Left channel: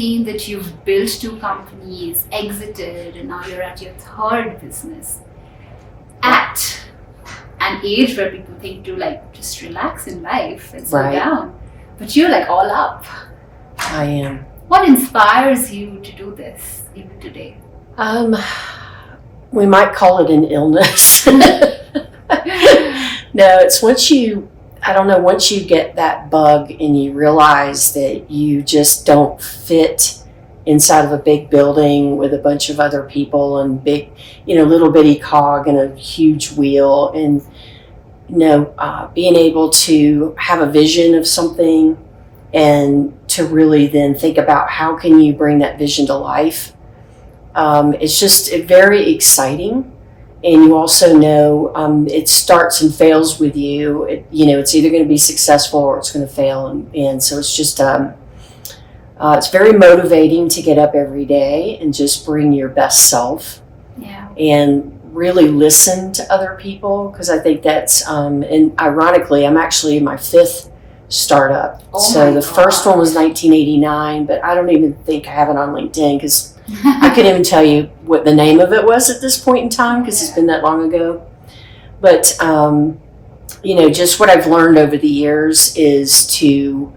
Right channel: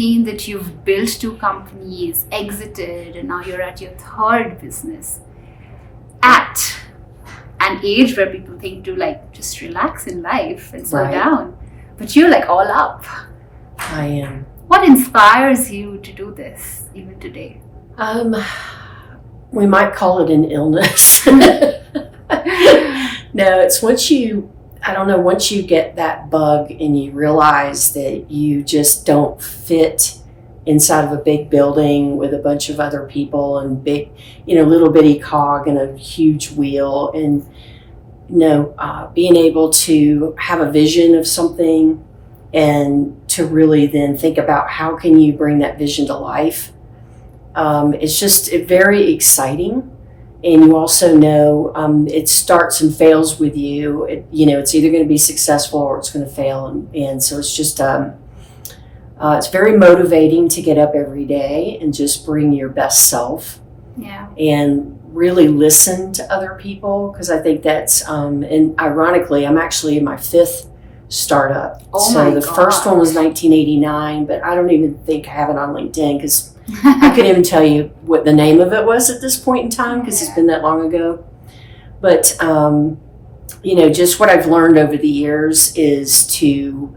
seen that you've built 2 companies, exited, and now you're at your 3rd business. At an age where people think to like just relax in life and slow down. But you're like all up. I am. What inspires you to do this even today? We might call it an illness. No, it's once you get that bug and you realize that you just don't fit inside of a big building with a bunch of other people and big, little bitty cog and a huge wheel, and being able to have a vision of something and to really then think about how can you bring that vision to life. It's just very exciting. And you also know it starts and fails with you. It's either going to be successful or it's going to fail. And so it's just, it's very motivating to get up every day and just bring your best self. Yeah. And really listen to other people, because I think that's, and ironically, I'm actually in my 5th startup. So the first one was 1989, but I don't even think I have it on LinkedIn because I couldn't even tell you what the name of it was at this point in time because it's been that long ago. But, just what I've learned over the years is to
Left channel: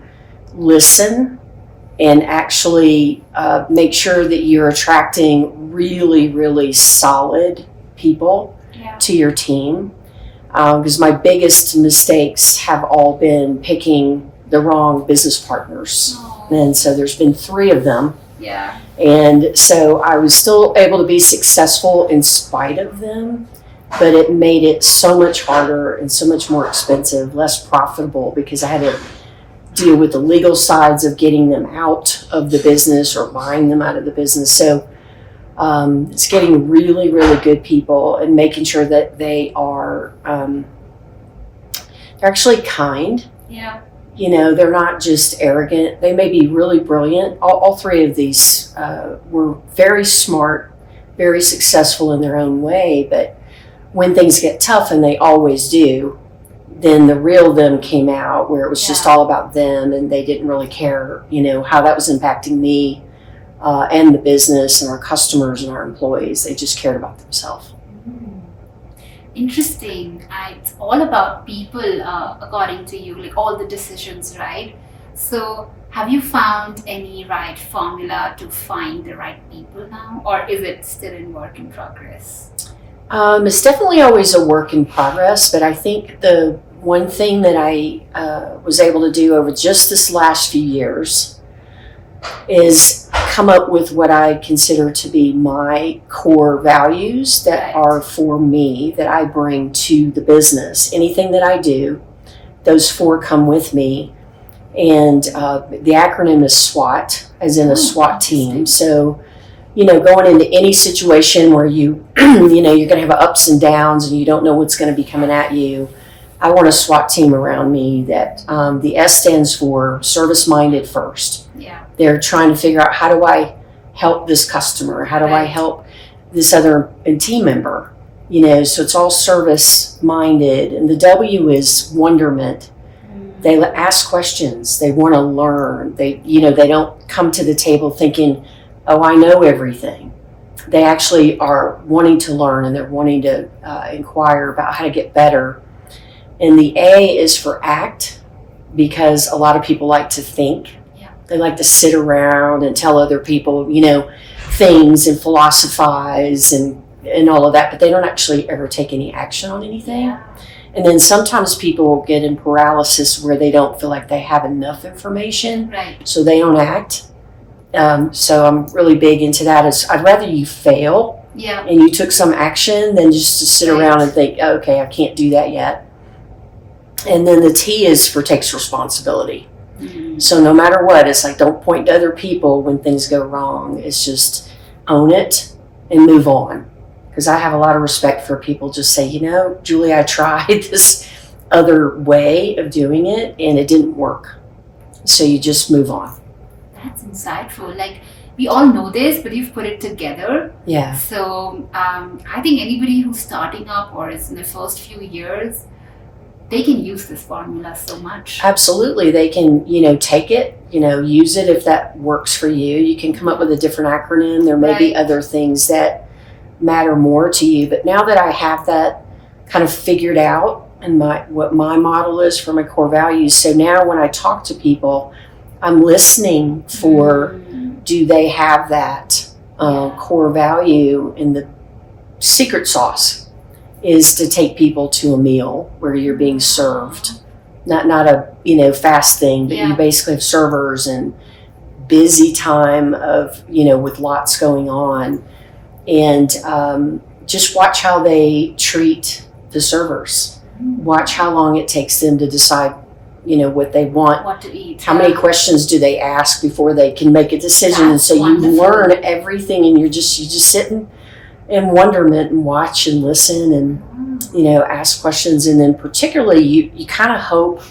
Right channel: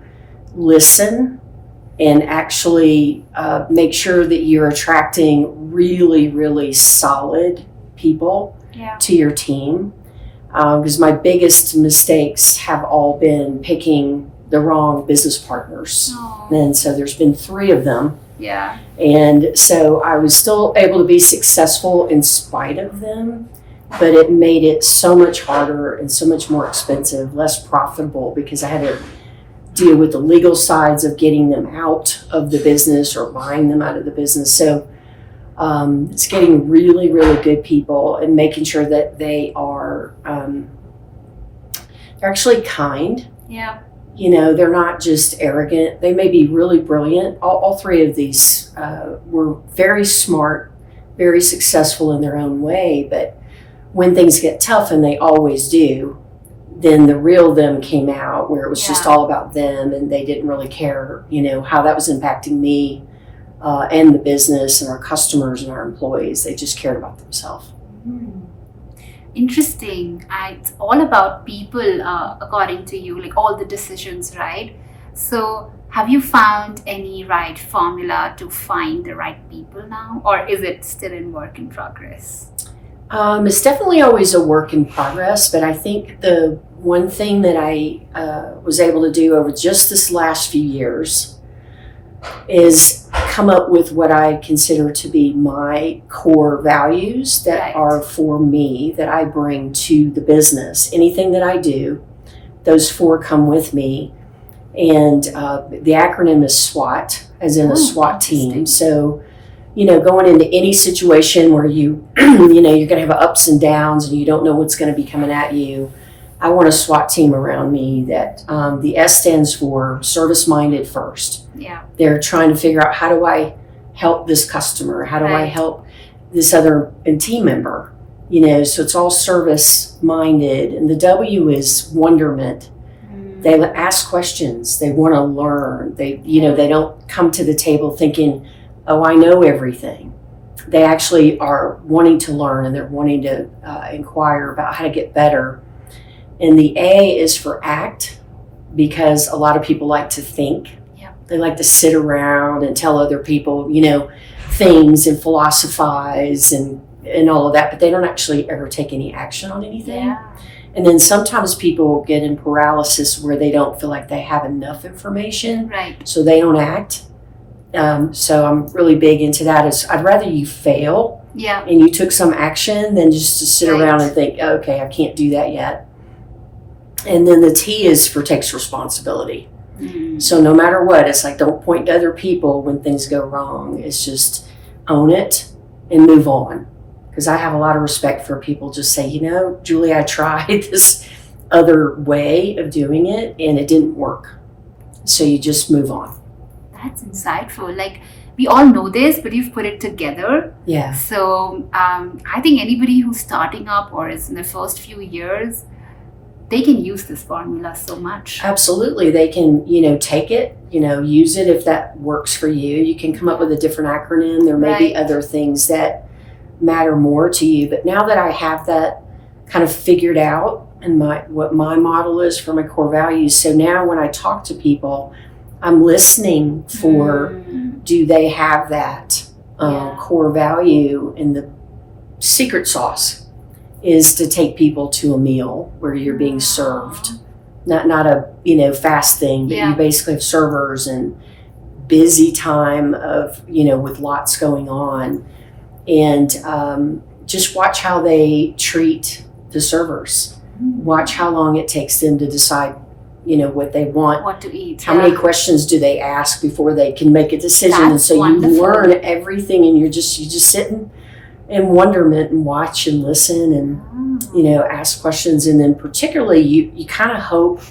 listen and actually make sure that you're attracting really, really solid people to your team. Because my biggest mistakes have all been picking the wrong business partners. And so there's been 3 of them. Yeah. And so I was still able to be successful in spite of them, but it made it so much harder and so much more expensive, less profitable, because I had to deal with the legal sides of getting them out of the business or buying them out of the business. So it's getting really, really good people and making sure that they are they're actually kind. Yeah. They're not just arrogant. They may be really brilliant. All 3 of these were very smart, very successful in their own way. But when things get tough, and they always do, then the real them came out, where it was just all about them, and they didn't really care, how that was impacting me and the business and our customers and our employees. They just cared about themselves. Mm. Interesting. It's all about people, according to you, like all the decisions, right? So have you found any right formula to find the right people now, or is it still in work in progress? It's definitely always a work in progress, but I think the one thing that I was able to do over just this last few years is come up with what I consider to be my core values that are for me, that I bring to the business. Anything that I do, those 4 come with me. And the acronym is SWAT, as in a SWAT team. So, going into any situation where you're going to have ups and downs and you don't know what's going to be coming at you, I want a SWAT team around me that the S stands for service-minded first. Yeah. They're trying to figure out, how do I help this customer? How do I help this other team member? So it's all service-minded. And the W is wonderment. They ask questions. They want to learn. They don't come to the table thinking, oh, I know everything. They actually are wanting to learn, and they're wanting to inquire about how to get better. And the A is for act, because a lot of people like to think. Yeah. They like to sit around and tell other people, things and philosophize and all of that, but they don't actually ever take any action on anything. Yeah. And then sometimes people get in paralysis where they don't feel like they have enough information, right? So they don't act. So I'm really big into that. I'd rather you fail and you took some action than just to sit around and think, okay, I can't do that yet. And then the T is for takes responsibility. Mm-hmm. So no matter what, it's like, don't point to other people when things go wrong. It's just own it and move on. Because I have a lot of respect for people just say, Julie, I tried this other way of doing it and it didn't work. So you just move on. That's insightful. Like, we all know this, but you've put it together. Yeah. So I think anybody who's starting up or is in the first few years, they can use this formula so much. Absolutely. They can, take it, use it if that works for you. You can come up with a different acronym. There may be other things that matter more to you. But now that I have that kind of figured out and what my model is for my core values, so now when I talk to people, I'm listening for do they have that core value, and the secret sauce is to take people to a meal where you're being served, not a fast thing, but you basically have servers and busy time of with lots going on, and just watch how they treat the servers. Watch how long it takes them to decide what they want, what to eat, how many questions do they ask before they can make a decision. That's and so wonderful. You learn everything, and you just sit in wonderment and watch and listen and ask questions. And then particularly you kind of hope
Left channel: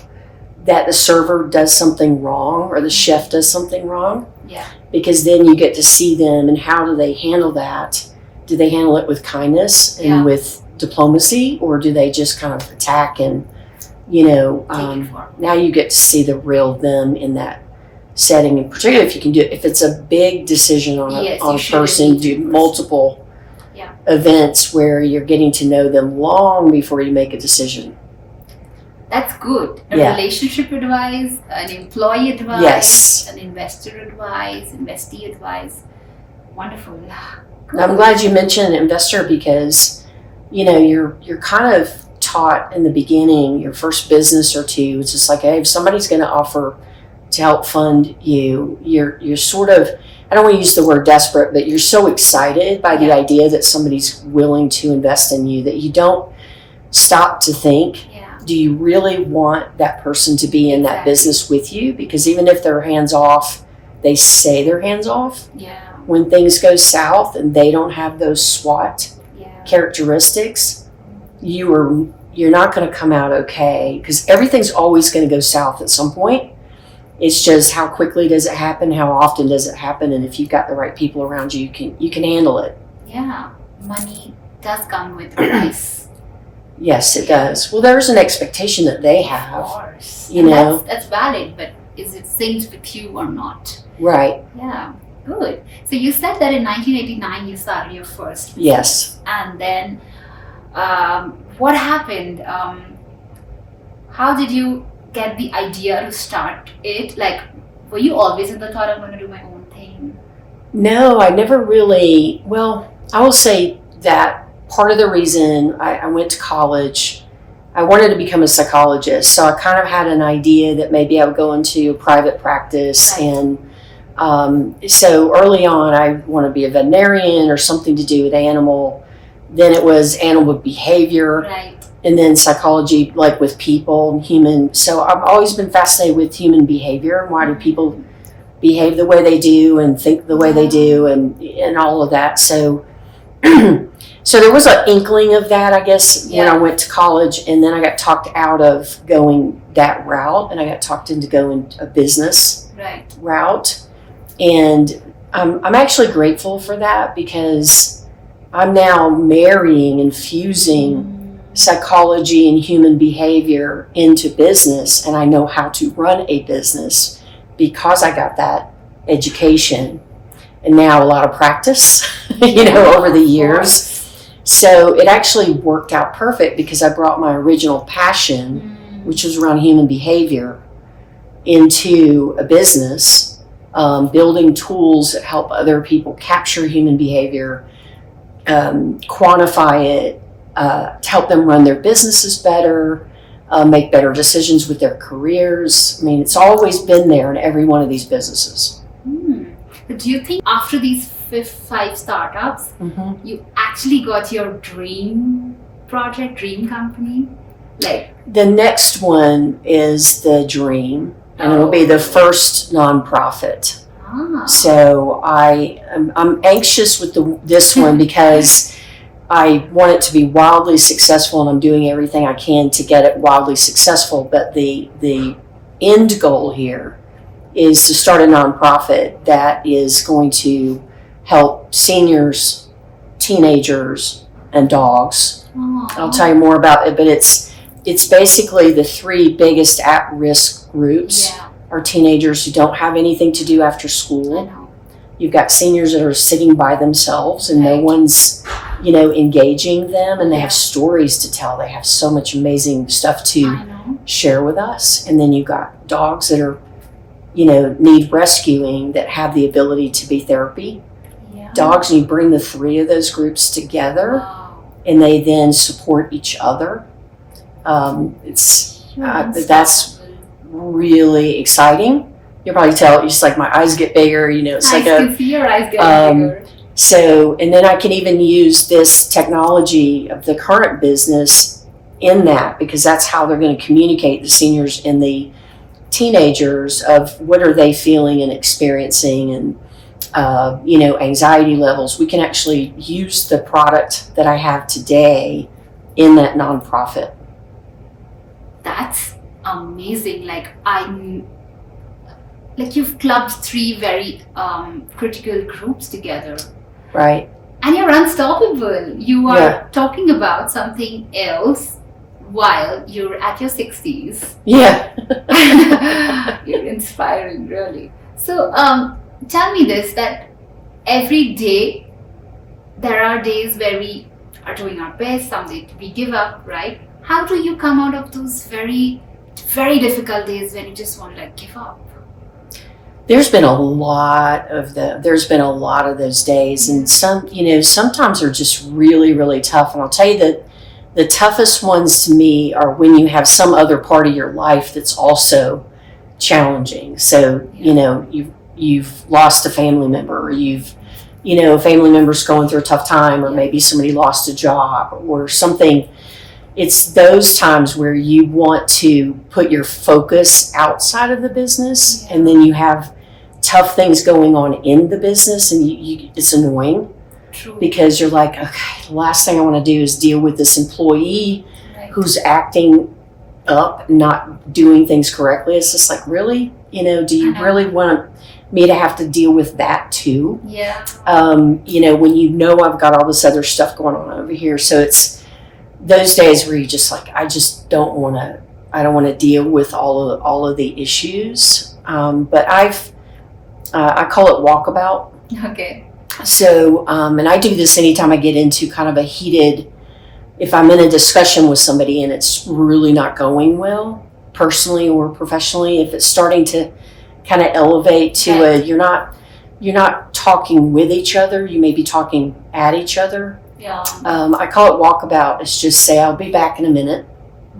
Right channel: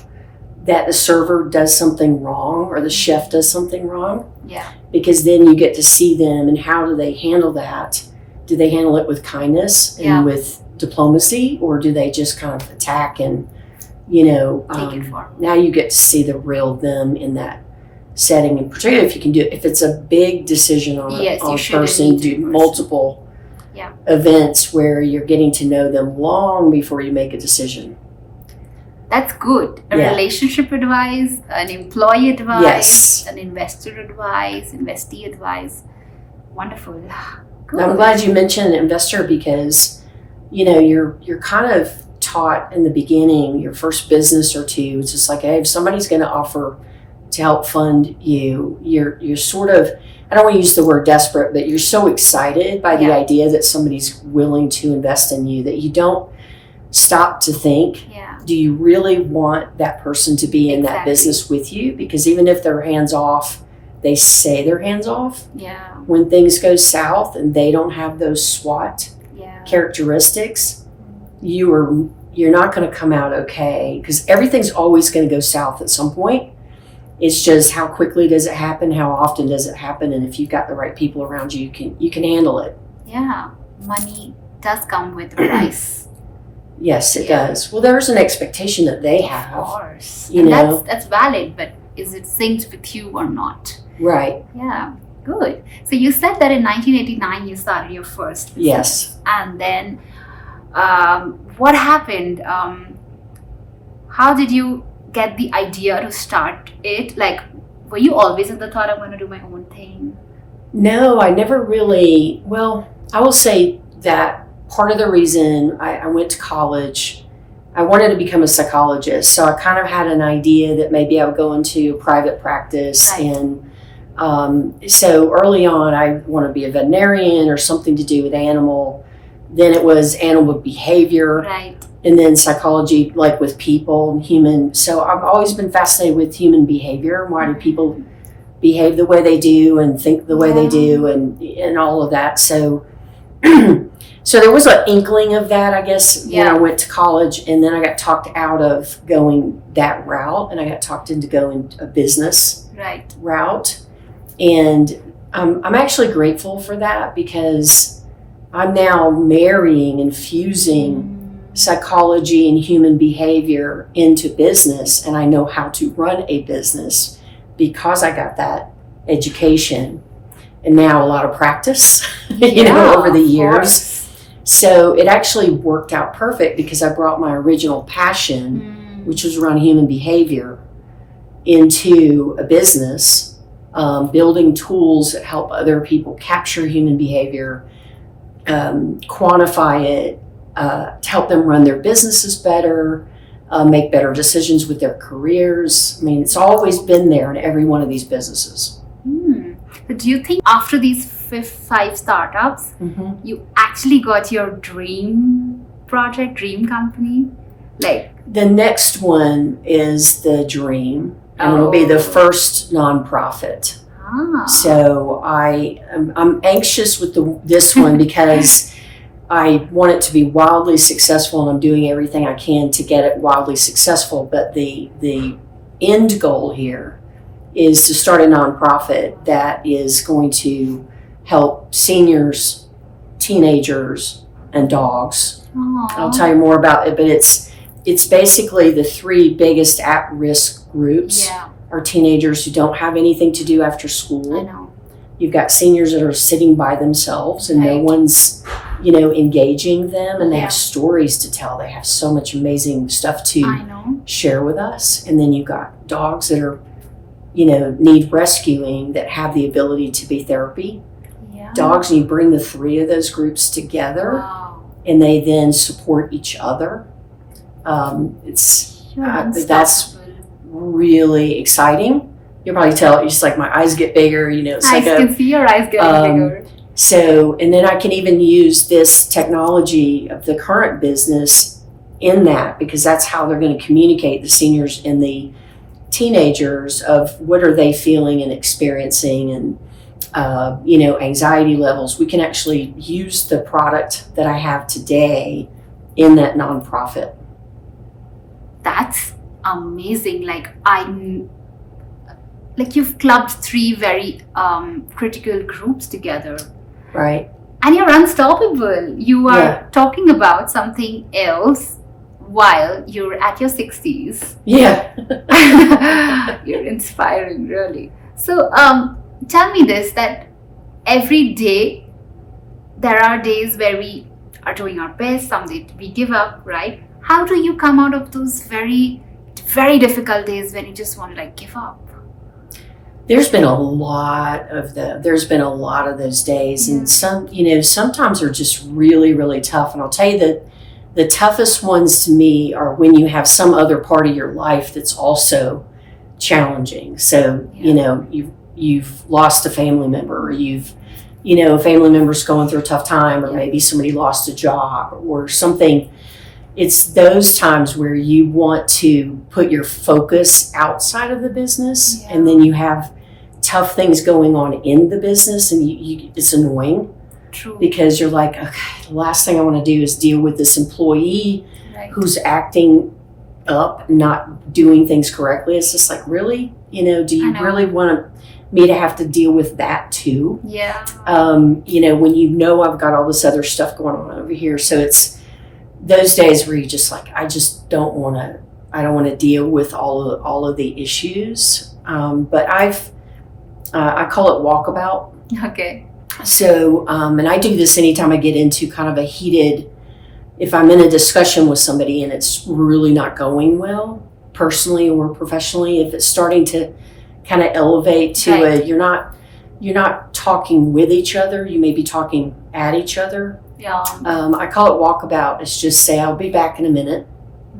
that the server does something wrong or the chef does something wrong, because then you get to see them and how do they handle that. Do they handle it with kindness and with diplomacy, or do they just kind of attack and now you get to see the real them in that setting, and particularly if it's a big decision on a person, do multiple events where you're getting to know them long before you make a decision. That's good. A relationship advice, an employee advice, an investor advice, investee advice. Wonderful. Good. I'm glad you mentioned investor, because you're kind of taught in the beginning, your first business or two, it's just like, hey, if somebody's going to offer to help fund you, you're sort of, I don't want to use the word desperate, but you're so excited by the idea that somebody's willing to invest in you that you don't stop to think, do you really want that person to be in that business with you? Because even if they're hands off, they say they're hands off. When things go south and they don't have those SWOT characteristics, you're not going to come out okay, because everything's always going to go south at some point. It's just how quickly does it happen, how often does it happen, and if you've got the right people around you, you can handle it. Money does come with a price. Yes, it does. Well, there's an expectation that they have. Of course. That's valid, but is it synced with you or not? Right. Good. So you said that in 1989 you started your first business. Yes. And then what happened? How did you get the idea to start it? Like, were you always in the thought, I'm going to do my own thing? No, I never really. Well, I will say that part of the reason I went to college, I wanted to become a psychologist. So I kind of had an idea that maybe I would go into private practice. And so early on, I want to be a veterinarian or something to do with animal. Then it was animal behavior, and then psychology, like with people and human. So I've always been fascinated with human behavior. Why do people behave the way they do and think the way they do, and all of that. So so there was an inkling of that, I guess, when I went to college, and then I got talked out of going that route, and I got talked into going a business route. And I'm actually grateful for that, because I'm now marrying and fusing psychology and human behavior into business, and I know how to run a business because I got that education and now a lot of practice, over the years. So it actually worked out perfect, because I brought my original passion, which was around human behavior, into a business, building tools that help other people capture human behavior, quantify it, to help them run their businesses better, make better decisions with their careers. I mean, it's always been there in every one of these businesses. But do you think after these 5 startups, you actually got your dream project, dream company? Like, the next one is the dream, and it'll be the first nonprofit. So I'm anxious with this one because I want it to be wildly successful, and I'm doing everything I can to get it wildly successful. But the end goal here is to start a nonprofit that is going to help seniors, teenagers, and dogs. I'll tell you more about it, but it's basically the three biggest at-risk groups Yeah, are teenagers who don't have anything to do after I school. know. You've got seniors that are sitting by themselves and no Right. one's, engaging them, and they Yeah. have stories to tell. They have so much amazing stuff to I know. share with us. And then you've got dogs that are, need rescuing that have the ability to be therapy. Yeah. Dogs, and you bring the three of those groups together Wow. and they then support each other. It's You're that's unstoppable. really exciting. You'll probably tell, just like my eyes get bigger, it's I like can see your eyes getting bigger. so, and then I can even use this technology of the current business in that, because that's how they're going to communicate, the seniors and the teenagers, of what are they feeling and experiencing, and anxiety levels. We can actually use the product that I have today in that nonprofit. That's amazing. Like you've clubbed three very critical groups together, Right? and you're unstoppable. You are Yeah. talking about something else while you're at your 60s. Yeah. You're inspiring, really. So tell me this, that every day there are days where we are doing our best, some days we give up, right? How do you come out of those very, very difficult days when you just want to give up? There's been a lot of those days, and sometimes they're just really, really tough. And I'll tell you that the toughest ones to me are when you have some other part of your life that's also challenging. So, you've lost a family member, or a family member's going through a tough time, or Yeah. maybe somebody lost a job or something. It's those times where you want to put your focus outside of the business, Yeah. and then you have tough things going on in the business, and it's annoying, True. because you're like, okay, the last thing I want to do is deal with this employee Right. who's acting up, not doing things correctly. It's just like, really? Do you I know. really want me to have to deal with that too? Yeah. When I've got all this other stuff going on over here. So it's those days where you just like, I don't want to deal with all of the issues. But I call it walkabout. Okay. So, and I do this anytime I get into kind of if I'm in a discussion with somebody and it's really not going well, personally or professionally, if it's starting to kind of elevate to Right. you're not talking with each other, you may be talking at each other. Yeah. I call it walkabout. It's just say, I'll be back in a minute.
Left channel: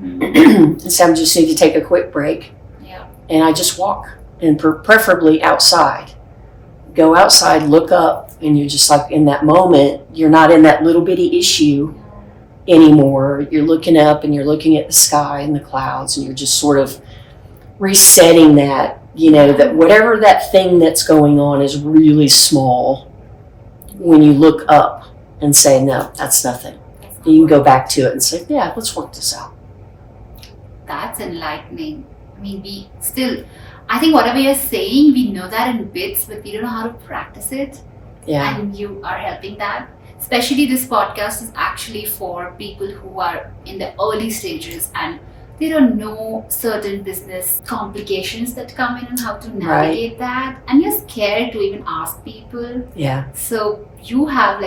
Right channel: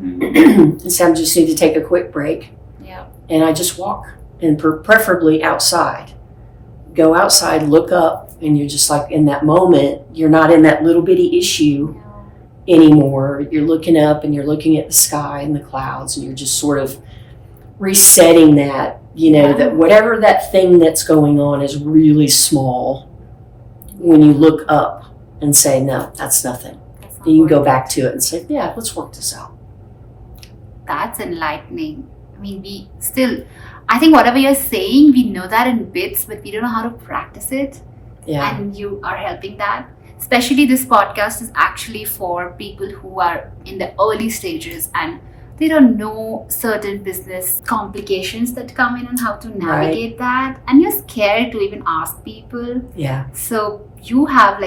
Mm. And so I just need to take a quick break. Yeah. And I just walk, and preferably outside. Go outside, look up, and you're just like in that moment, you're not in that little bitty issue anymore. You're looking up and you're looking at the sky and the clouds, and you're just sort of resetting that, that whatever that thing that's going on is really small. When you look up and say, no, that's nothing. That's not You can go worth back it. to it and say, yeah, let's work this out. That's enlightening. I mean, I think whatever you're saying, we know that in bits, but we don't know how to practice it. Yeah. And you are helping that. Especially this podcast is actually for people who are in the early stages and they don't know certain business complications that come in and how to navigate that. And you're scared to even ask people. Yeah. So you have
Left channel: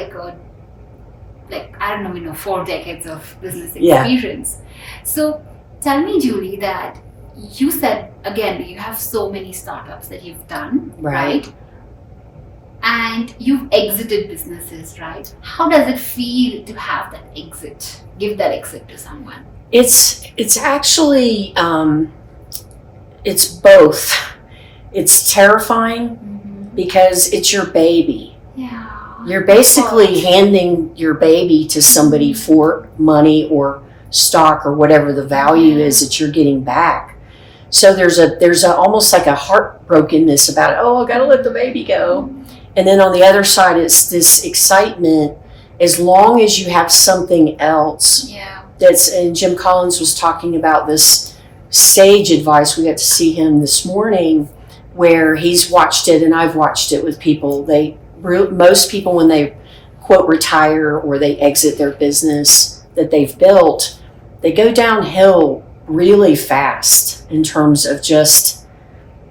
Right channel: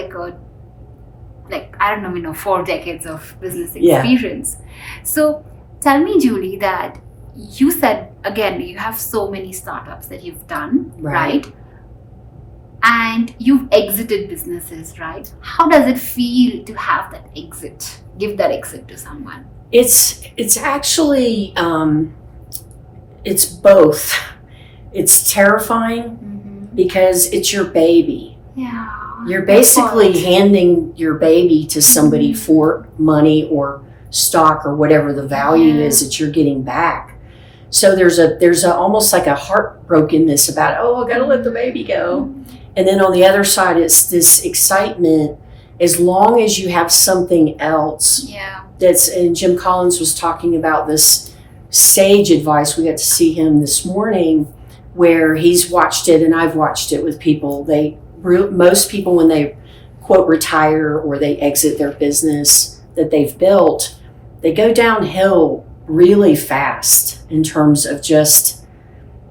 I don't know, 4 decades of business Yeah. experience. So tell me, Julie, that you said, again, you have so many startups that you've done, Right. right? And you've exited businesses, right? How does it feel to have that exit, give that exit to someone? It's actually, it's both. It's terrifying because it's your baby. Yeah. You're basically handing your baby to somebody for money or stock or whatever the value is that you're getting back. So there's a almost like a heartbrokenness about, oh, I gotta let the baby go. And then on the other side, it's this excitement as long as you have something else. Yeah. And Jim Collins was talking about this sage advice. We got to see him this morning where he's watched it, and I've watched it with people. Most people, when they quote retire or they exit their business that they've built, they go downhill really fast in terms of just,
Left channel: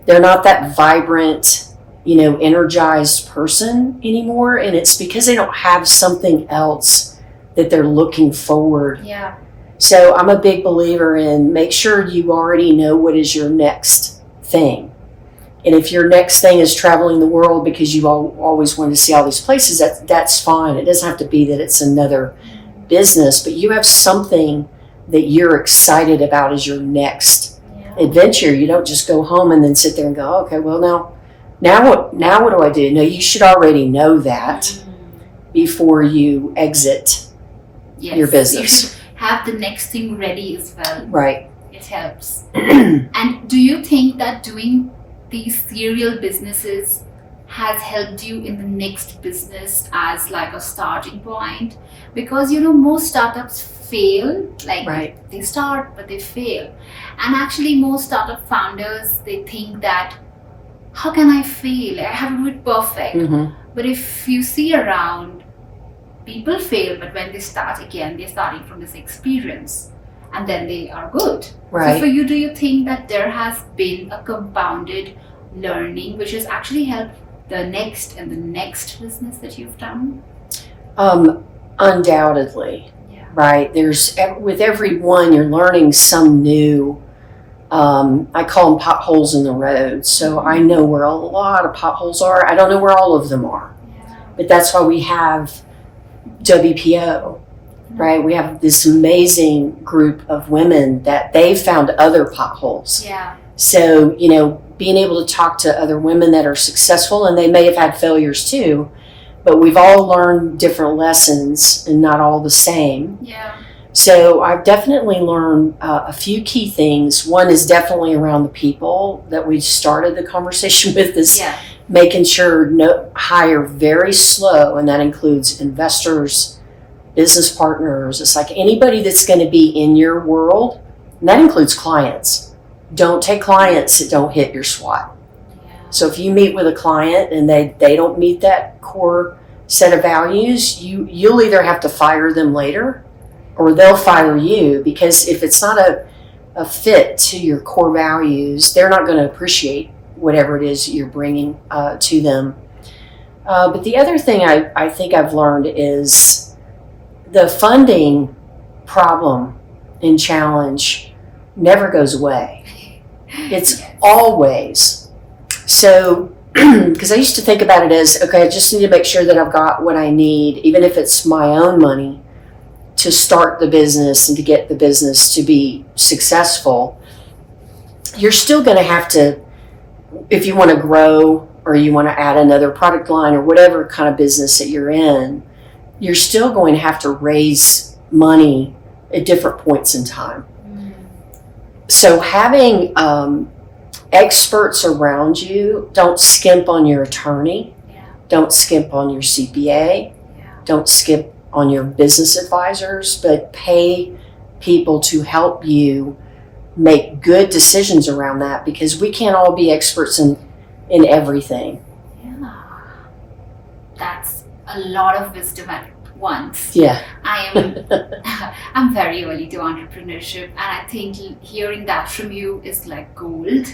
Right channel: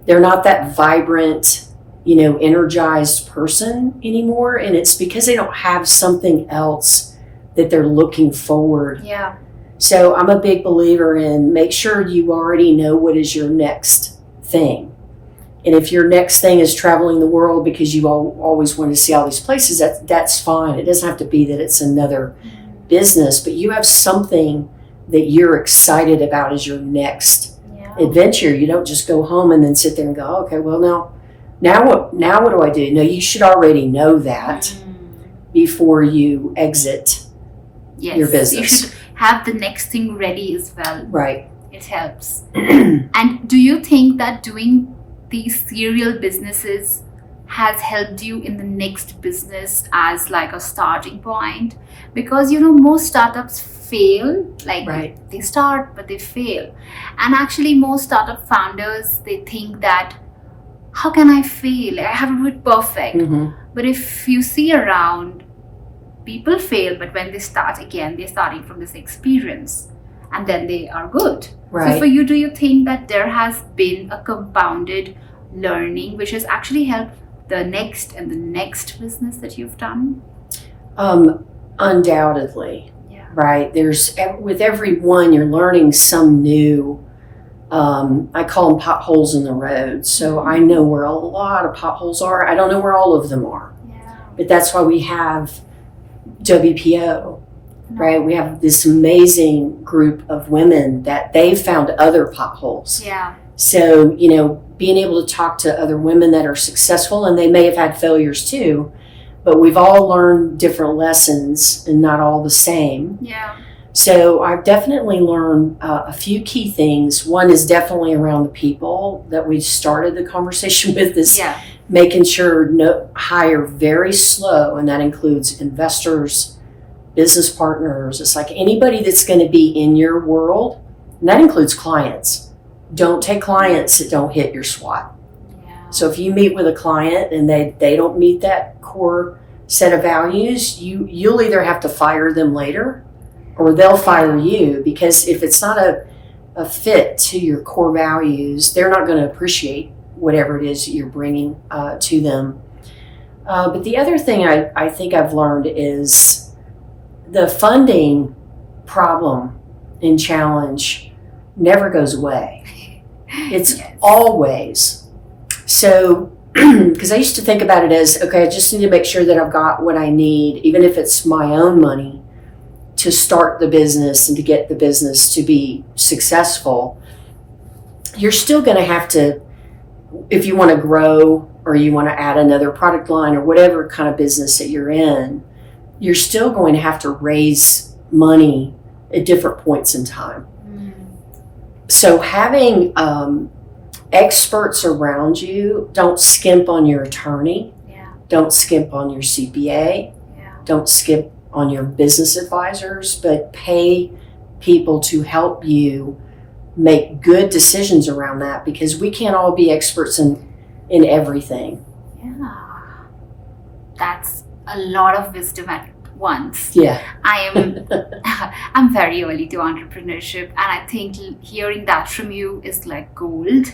they're not that vibrant, energized person anymore. And it's because they don't have something else that they're looking forward. Yeah. So I'm a big believer in make sure you already know what is your next thing. And if your next thing is traveling the world because you always want to see all these places, that's fine. It doesn't have to be that it's another business, but you have something that you're excited about as your next adventure. You don't just go home and then sit there and go, okay, well now what do I do? No, you should already know that before you exit your business. You should have the next thing ready as well. Right. It helps. And do you think that doing these serial businesses has helped you in the next business as like a starting point? Because most startups fail, like they start but they fail. And actually most startup founders, they think that how can I fail? I have to do it perfect. But if you see around, people fail, but when they start again, they're starting from this experience and then they are good. Right. So for you, do you think that there has been a compounded learning which has actually helped the next and the next business that you've done? Undoubtedly. Yeah. Right. With every one, you're learning some new, I call them potholes in the road. So I know where a lot of potholes are. I don't know where all of them are. Yeah. But that's why we have WPO, right? We have this amazing group of women that they found other potholes. Yeah. So, being able to talk to other women that are successful, and they may have had failures too, but we've all learned different lessons and not all the same. Yeah. So I've definitely learned a few key things. One is definitely around the people that we started the conversation with, is making sure hire very slow, and that includes investors, business partners. It's like anybody that's going to be in your world, and that includes clients. Don't take clients that don't hit your SWOT. Yeah. So if you meet with a client and they don't meet that core set of values, you'll either have to fire them later or they'll fire you, because if it's not a fit to your core values, they're not going to appreciate whatever it is you're bringing to them. But the other thing I think I've learned is the funding problem and challenge never goes away. It's always. So, because I used to think about it as, okay, I just need to make sure that I've got what I need, even if it's my own money, to start the business and to get the business to be successful. You're still going to have to, if you want to grow or you want to add another product line or whatever kind of business that you're in, you're still going to have to raise money at different points in time. So having experts around you, don't skimp on your attorney, don't skimp on your CPA, don't skimp on your business advisors, but pay people to help you make good decisions around that, because we can't all be experts in everything. Yeah, that's a lot of wisdom at once. Yeah. I'm very early to entrepreneurship, and I think hearing that from you is like gold.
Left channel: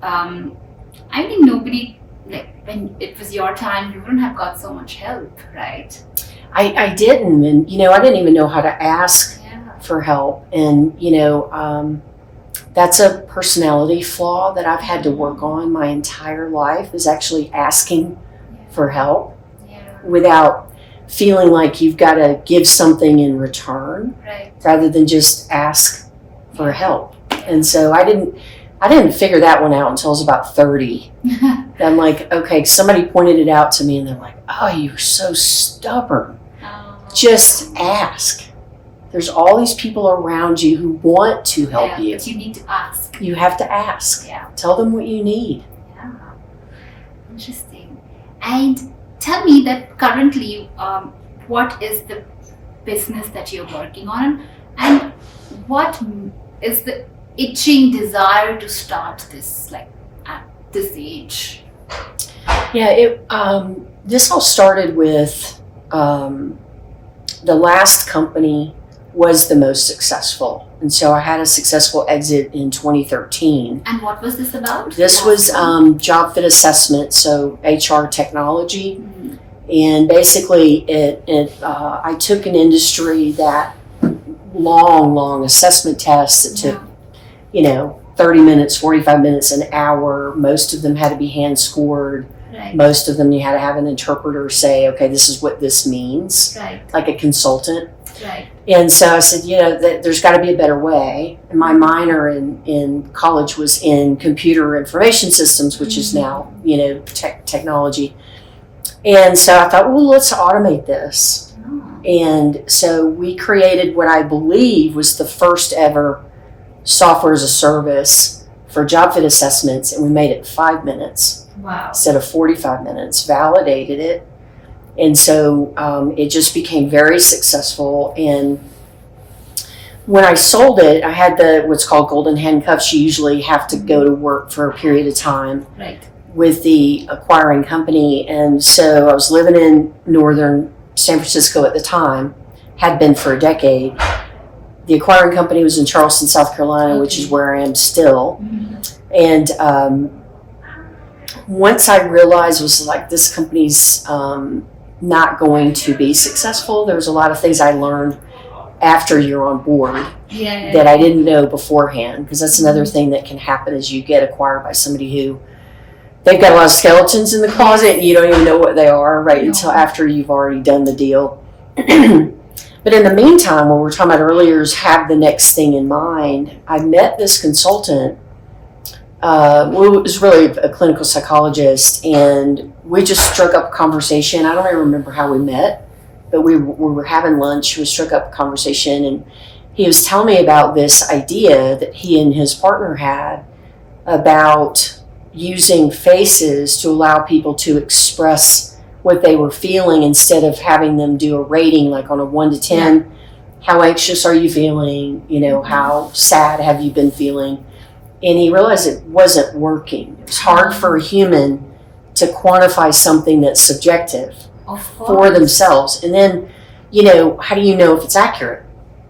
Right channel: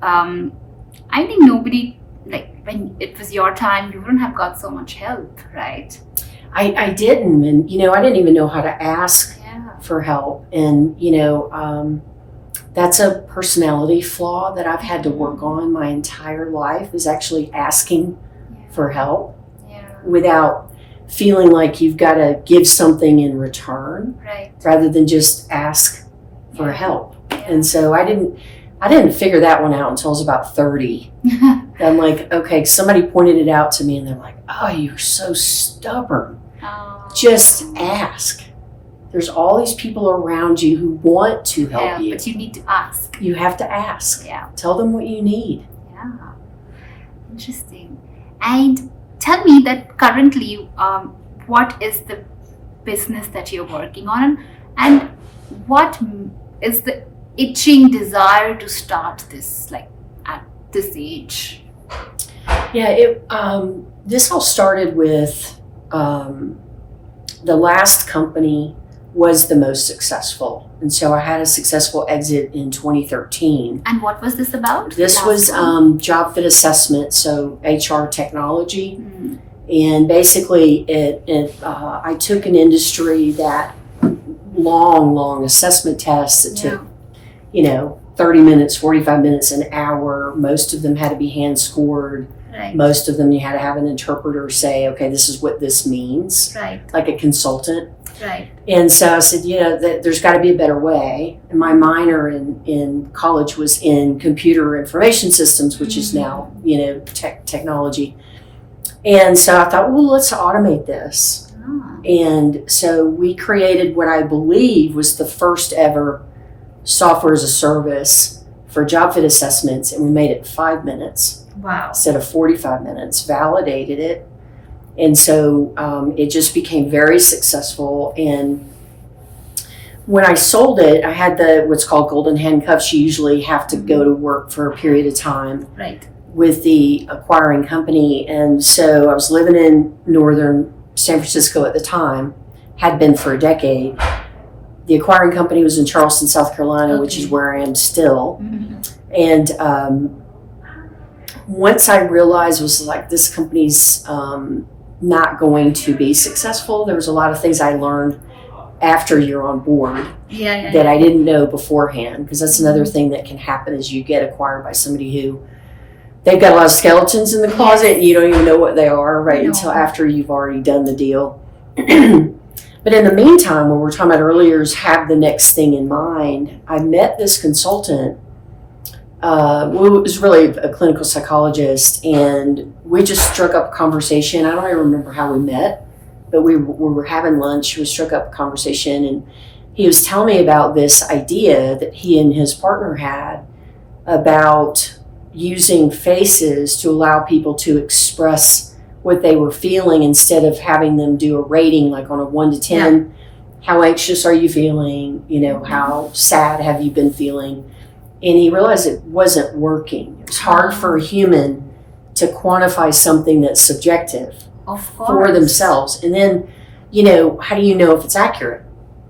I think nobody, like when it was your time, you wouldn't have got so much help, right? I didn't, and I didn't even know how to ask for help, and that's a personality flaw that I've had to work on my entire life, is actually asking for help without feeling like you've got to give something in return, rather than just ask for help. And so I didn't figure that one out until I was about 30. I'm like, okay, somebody pointed it out to me and they're like, oh, you're so stubborn. Just ask. There's all these people around you who want to help you. But you need to ask. You have to ask. Tell them what you need. Yeah. Interesting. And tell me that currently, what is the business that you're working on, and what is the itching desire to start this, like at this age? Yeah, this all started with the last company was the most successful. And so I had a successful exit in 2013. And what was this about? This was job fit assessment, so HR technology. Mm. And basically, I took an industry that long assessment tests that took, 30 minutes, 45 minutes, an hour. Most of them had to be hand scored. Right. Most of them you had to have an interpreter say, okay, this is what this means, Right. like a consultant. Right. And so I said, there's got to be a better way. And my minor in college was in computer information systems, which is now, technology. And so I thought, well, let's automate this. Oh. And so we created what I believe was the first ever software as a service for job fit assessments. And we made it 5 minutes Wow. instead of 45 minutes, validated it. And so it just became very successful. And when I sold it, I had what's called golden handcuffs. You usually have to go to work for a period of time Right. with the acquiring company. And so I was living in northern San Francisco at the time, had been for a decade. The acquiring company was in Charleston, South Carolina, which is where I am still. Mm-hmm. And once I realized it was like this company's not going to be successful, there was a lot of things I learned after you're on board that I didn't know beforehand, because that's another thing that can happen as you get acquired by somebody who they've got a lot of skeletons in the closet and you don't even know what they are until after you've already done the deal. But in the meantime, what we were talking about earlier is have the next thing in mind. I met this consultant. It was really a clinical psychologist, and we just struck up a conversation. I don't even remember how we met, but we were having lunch. We struck up a conversation, and he was telling me about this idea that he and his partner had about using faces to allow people to express what they were feeling instead of having them do a rating like on a 1 to 10. Yeah. How anxious are you feeling? How sad have you been feeling? And he realized it wasn't working. It was hard for a human to quantify something that's subjective for themselves. And then, how do you know if it's accurate,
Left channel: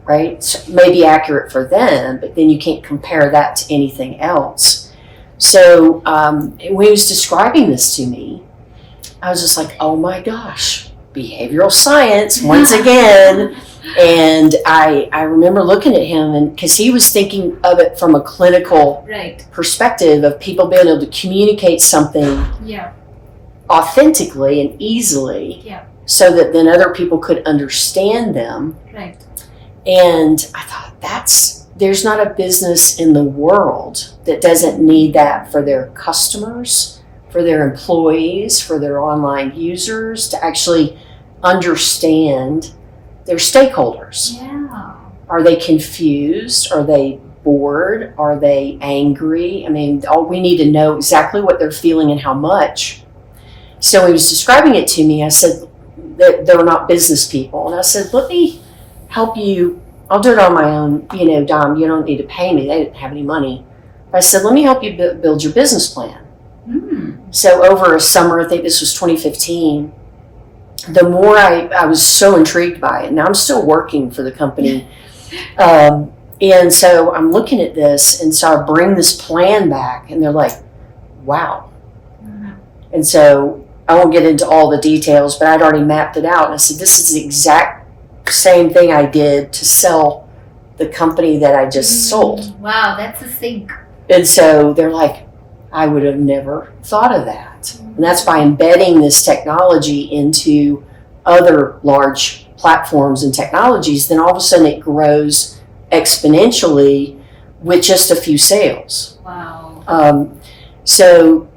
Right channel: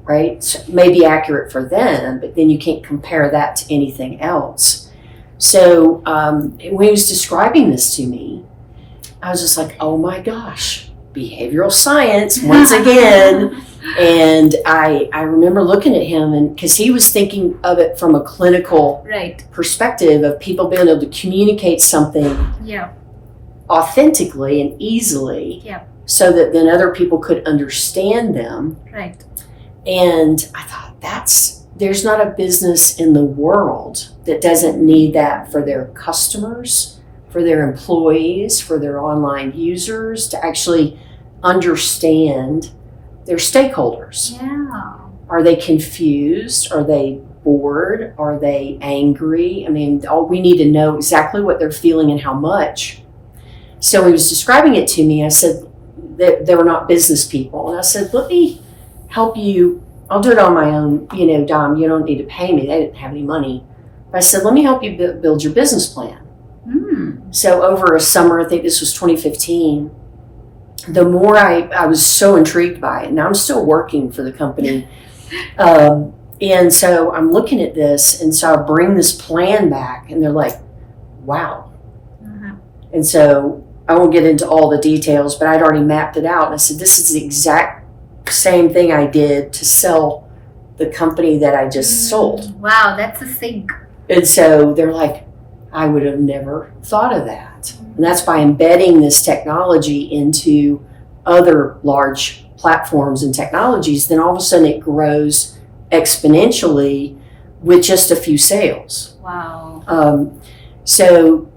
right? So it may be accurate for them, but then you can't compare that to anything else. So when he was describing this to me, I was just like, oh my gosh, behavioral science once again. And I remember looking at him, and because he was thinking of it from a clinical perspective of people being able to communicate something authentically and easily so that then other people could understand them. Right. And I thought there's not a business in the world that doesn't need that for their customers, for their employees, for their online users, to actually understand their stakeholders. Yeah. Are they confused? Are they bored? Are they angry? I mean, we need to know exactly what they're feeling and how much. So he was describing it to me. I said that they were not business people. And I said, let me help you. I'll do it on my own. Dom, you don't need to pay me. They didn't have any money. But I said, let me help you build your business plan. Mm. So over a summer, I think this was 2015, the more I was so intrigued by it. Now I'm still working for the company. And so I'm looking at this, and so I bring this plan back, and they're like, wow. Mm-hmm. And so I won't get into all the details, but I'd already mapped it out. And I said, this is the exact same thing I did to sell the company that I just sold. Wow, that's a sync. And so they're like, I would have never thought of that. And that's by embedding this technology into other large platforms and technologies, then all of a sudden it grows exponentially with just a few sales. Wow. So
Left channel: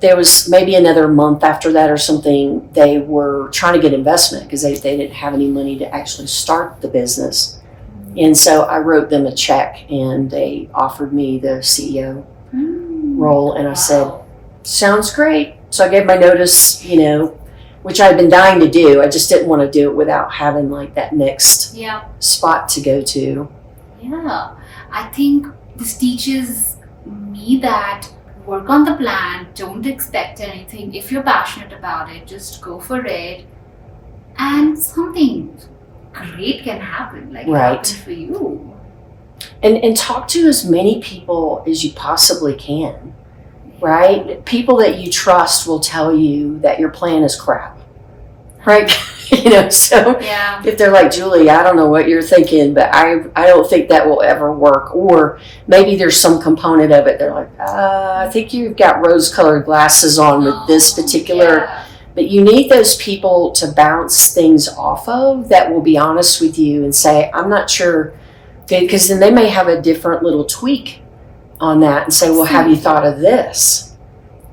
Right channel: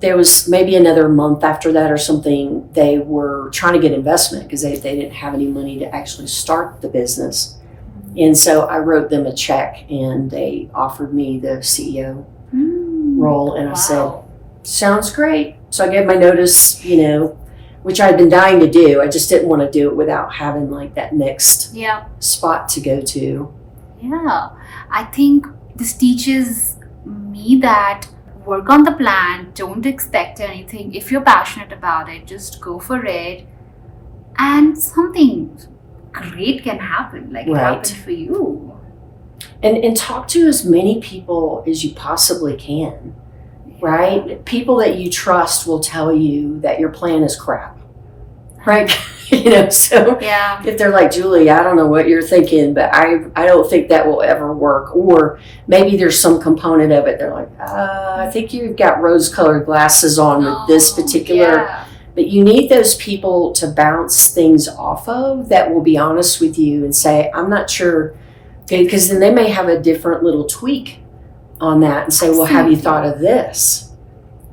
there was maybe another month after that or something, they were trying to get investment because they didn't have any money to actually start the business. And so I wrote them a check, and they offered me the CEO role. And I said, sounds great. So I gave my notice, which I'd been dying to do. I just didn't want to do it without having like that next spot to go to. Yeah. I think this teaches me that work on the plan, don't expect anything. If you're passionate about it, just go for it. And something great can happen. Like it Right. happened for you. And talk to as many people as you possibly can, right? People that you trust will tell you that your plan is crap, right? So Yeah. if they're like, Julie, I don't know what you're thinking, but I don't think that will ever work. Or maybe there's some component of it. They're like, I think you've got rose-colored glasses on with this particular. Yeah. But you need those people to bounce things off of that will be honest with you and say, I'm not sure. Because then they may have a different little tweak on that and say, well, have you thought of this?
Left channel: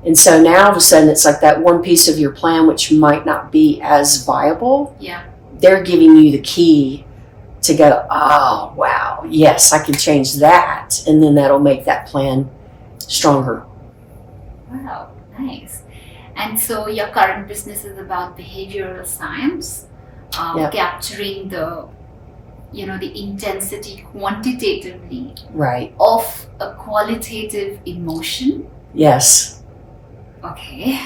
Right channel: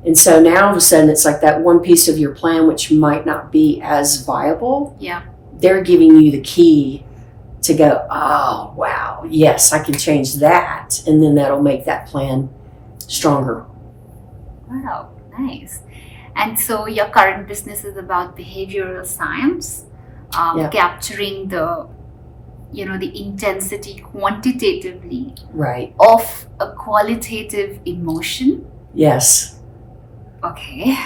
And so now all of a sudden it's like that one piece of your plan which might not be as viable. Yeah. They're giving you the key to go, oh, wow, yes, I can change that. And then that'll make that plan stronger. Wow, nice. And so your current business is about behavioral science, capturing the intensity quantitatively Right. of a qualitative emotion. Yes. Okay,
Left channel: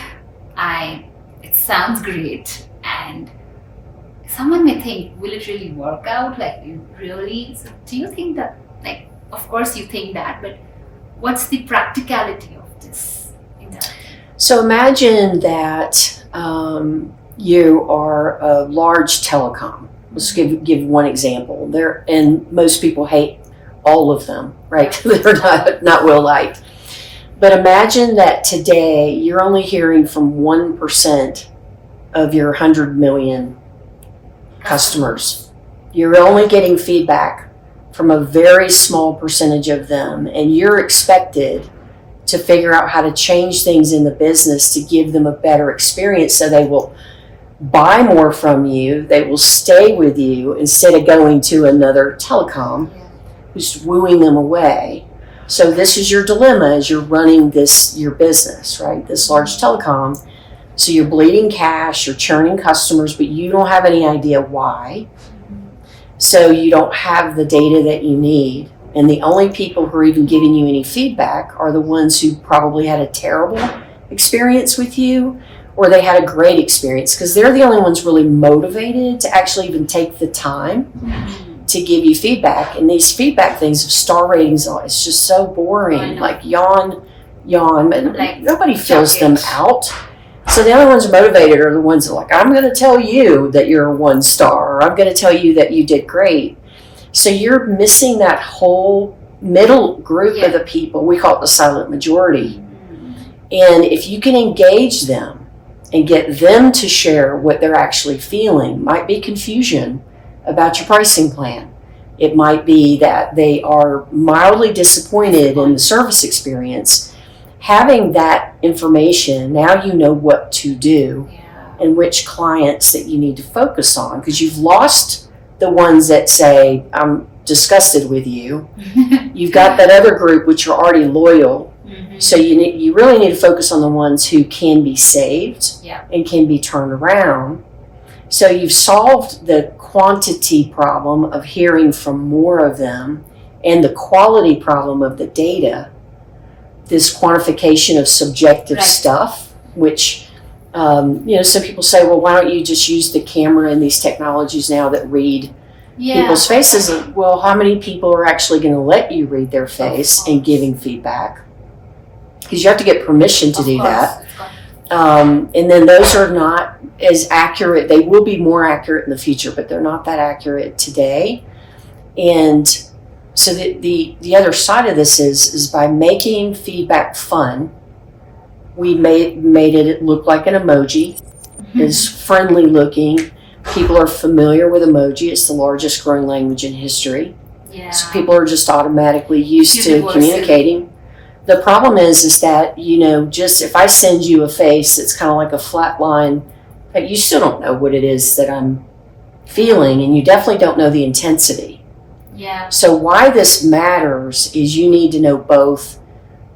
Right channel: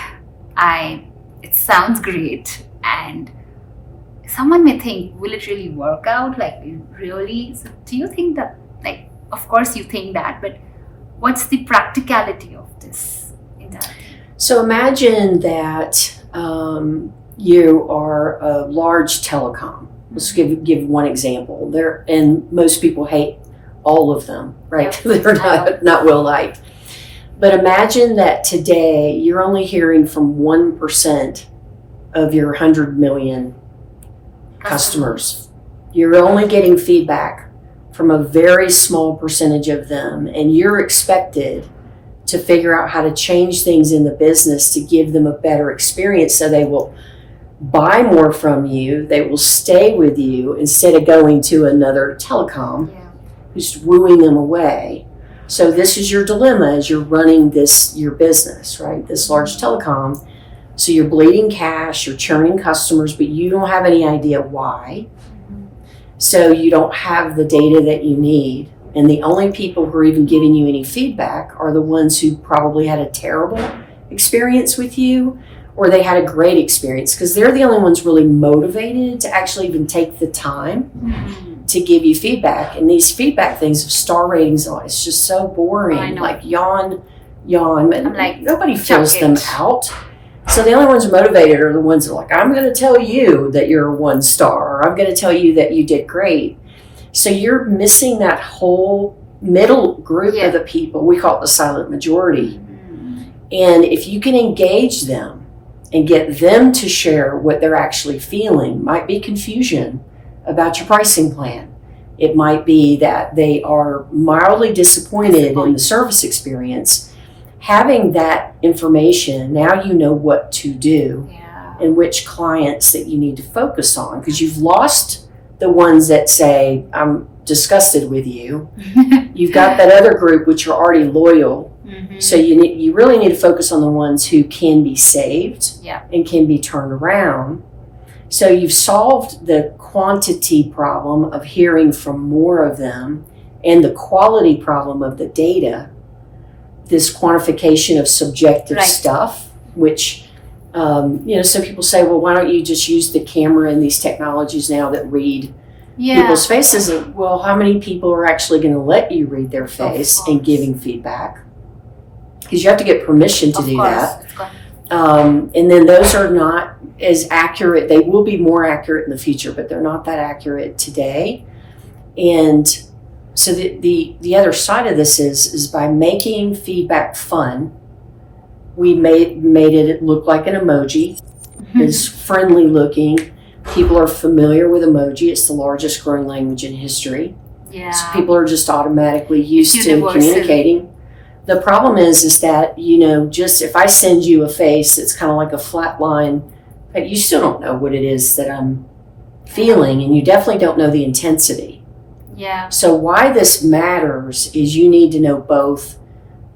it sounds great, and someone may think, will it really work out? Like, really? So do you think that, like, of course you think that, but what's the practicality of this entire thing? So imagine that you are a large telecom. Let's give one example. And most people hate all of them, right? Yeah. They're not well liked. But imagine that today you're only hearing from 1% of your 100 million customers. You're only getting feedback from a very small percentage of them, and you're expected to figure out how to change things in the business to give them a better experience so they will buy more from you, they will stay with you instead of going to another telecom who's wooing them away. So this is your dilemma as you're running your business, right? This large telecom. So you're bleeding cash, you're churning customers, but you don't have any idea why. So you don't have the data that you need. And the only people who are even giving you any feedback are the ones who probably had a terrible experience with you, or they had a great experience, because they're the only ones really motivated to actually even take the time to give you feedback. And these feedback things of star ratings, it's just so boring. Like yawn, but like, nobody fills them out. So the only ones who are motivated are the ones that are like, I'm going to tell you that you're a 1 star, or I'm going to tell you that you did great. So you're missing that whole middle group of the people. We call it the silent majority. And if you can engage them and get them to share what they're actually feeling, might be confusion about your pricing plan. It might be that they are mildly disappointed in the service experience. Having that information, now you know what to do and which clients that you need to focus on, because you've lost the ones that say, I'm disgusted with you. You've got that other group which are already loyal. So you really need to focus on the ones who can be saved and can be turned around. So you've solved the quantity problem of hearing from more of them and the quality problem of the data, this quantification of subjective stuff, which, some people say, well, why don't you just use the camera and these technologies now that read people's faces? Well, how many people are actually going to let you read their face and giving feedback? Because you have to get permission to do that. And then those are not as accurate. They will be more accurate in the future, but they're not that accurate today. And so the other side of this is by making feedback fun, we made it look like an emoji. It's friendly looking. People are familiar with emoji. It's the largest growing language in history. So people are just automatically used to communicating. The problem is that, just if I send you a face, it's kind of like a flat line, but you still don't know what it is that I'm feeling, and you definitely don't know the intensity. So why this matters is you need to know both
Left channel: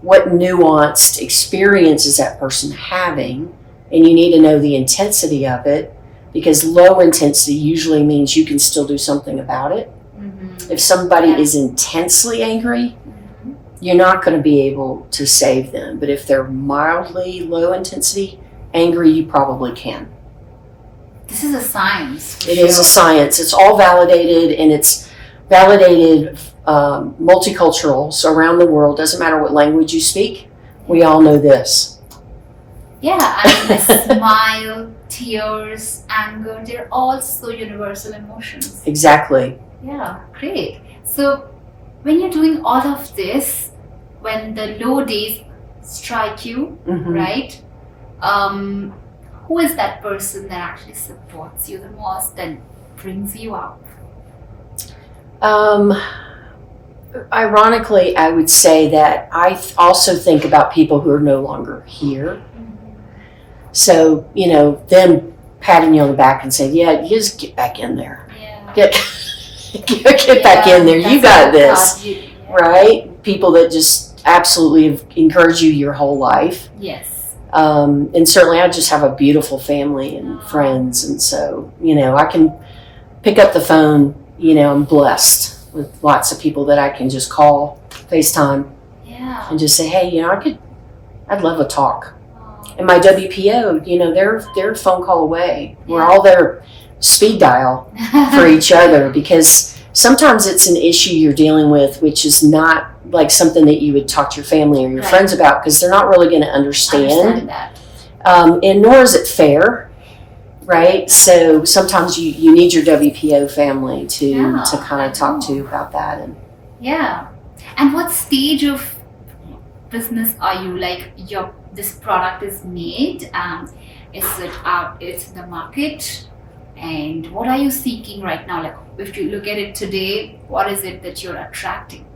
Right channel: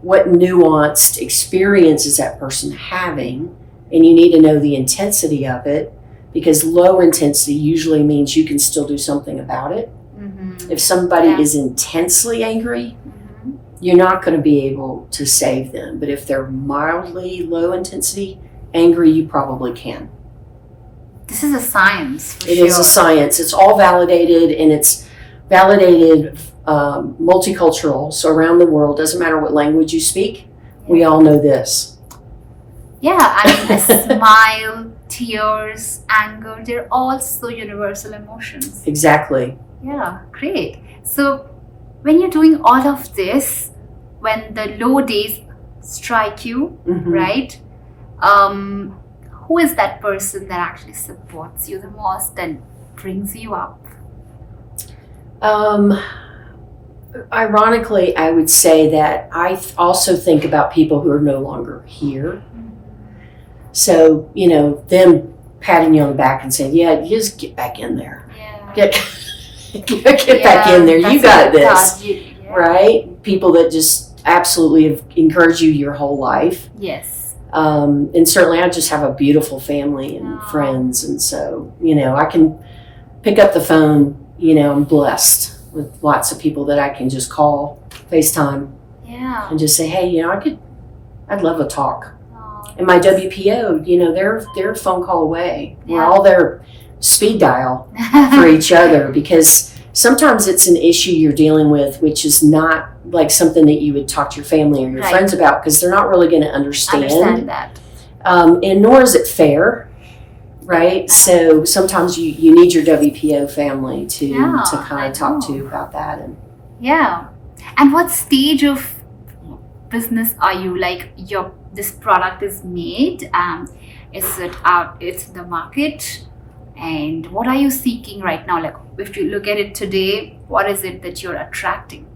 what nuanced experience is that person having, and you need to know the intensity of it, because low intensity usually means you can still do something about it. If somebody is intensely angry, you're not going to be able to save them. But if they're mildly low intensity angry, you probably can. This is a science. For It sure. is a science. It's all validated, and it's validated multicultural. So around the world, doesn't matter what language you speak, we all know this. Yeah, I mean, a smile, tears, anger, they're all so universal emotions. Exactly. Yeah, great. So, when you're doing all of this, when the low days strike you, Mhm. right? Who is that person that actually supports you the most and brings you up? Ironically, I would say that I also think about people who are no longer here. So, them patting you on the back and saying, yeah, you just get back in there. Yeah. Get back in there. You got this. Right? People that just absolutely have encouraged you your whole life. Yes. And certainly I just have a beautiful family and friends. And so, I can pick up the phone, I'm blessed with lots of people that I can just call, FaceTime, and just say, hey, I'd love a talk. And my WPO, they're a phone call away. Yeah. We're all there speed dial for each other, because sometimes it's an issue you're dealing with, which is not like something that you would talk to your family or your friends about, because they're not really going to understand that. And nor is it fair, right? So sometimes you need your WPO family to kind of talk to you about that. And yeah. And what stage of business are you? Like, this product is made, is it out, it's in the market, and what are you seeking right now? Like, if you look at it today, what is it that you're attracting?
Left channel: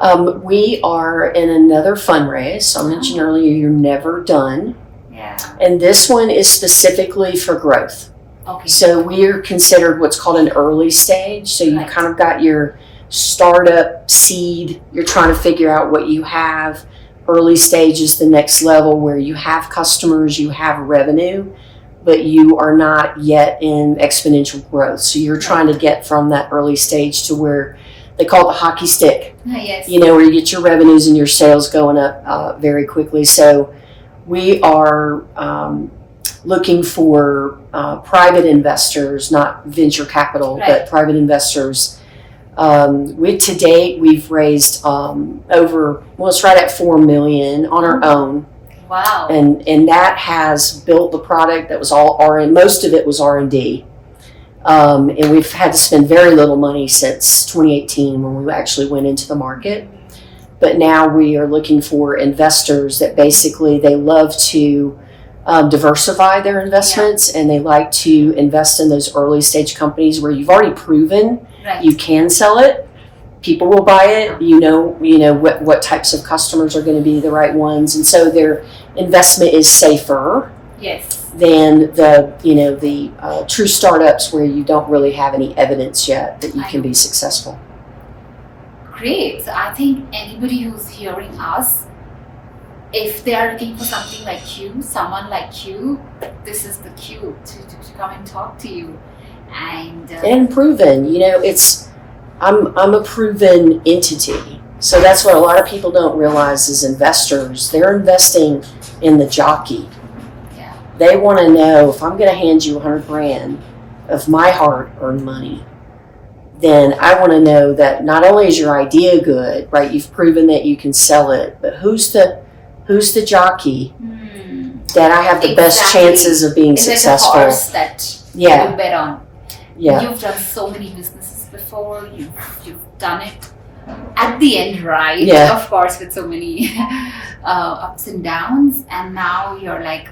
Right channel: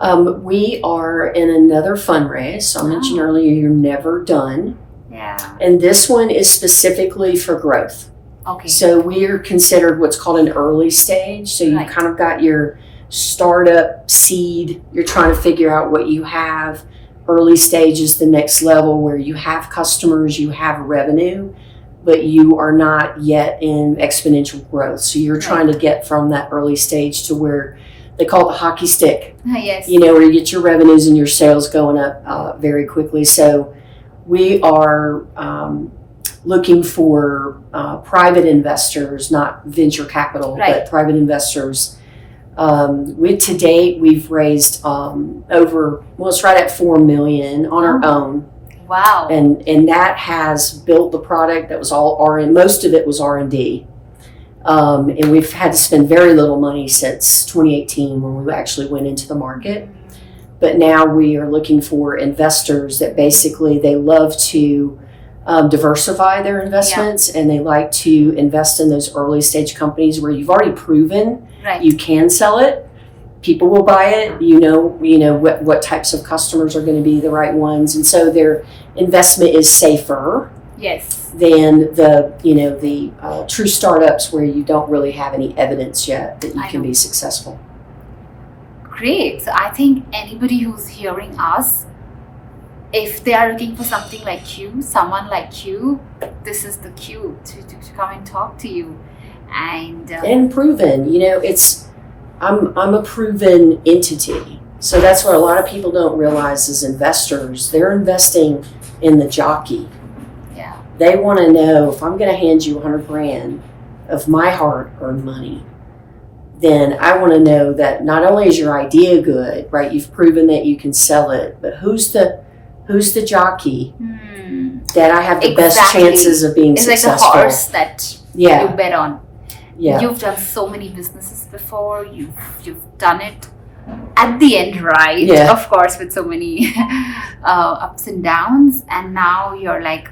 We are in another fundraise. So I mentioned earlier, you're never done. Yeah. And this one is specifically for growth. Okay. So we're considered what's called an early stage. So you've kind of got your startup seed. You're trying to figure out what you have. Early stage is the next level, where you have customers, you have revenue, but you are not yet in exponential growth. So you're trying to get from that early stage to where they call it the hockey stick. Yes. Where you get your revenues and your sales going up very quickly. So we are looking for private investors, not venture capital, but private investors. To date, we've raised it's right at $4 million on our own. Wow. And that has built the product that was all R&D. Most of it was R&D. And we've had to spend very little money since 2018, when we actually went into the market. But now we are looking for investors that basically they love to diversify their investments, and they like to invest in those early stage companies where you've already proven you can sell it. People will buy it. You know what types of customers are going to be the right ones, and so their investment is safer. Yes. Than the true startups where you don't really have any evidence yet that you can be successful. Great. So I think anybody who's hearing us, if they are looking for something like you, someone like you, this is the cue to come and talk to you. And proven, I'm a proven entity. So that's what a lot of people don't realize as investors. They're investing in the jockey. Yeah. They want to know, if I'm going to hand you $100,000 of my hard-earned money, then I want to know that not only is your idea good, right? You've proven that you can sell it, but who's the jockey that I have the best chances of being successful? It's like a horse that you bet on. Yeah. You've done so many businesses before. You've done it at the end, right? Yeah. Of course, with so many ups and downs, and now you're like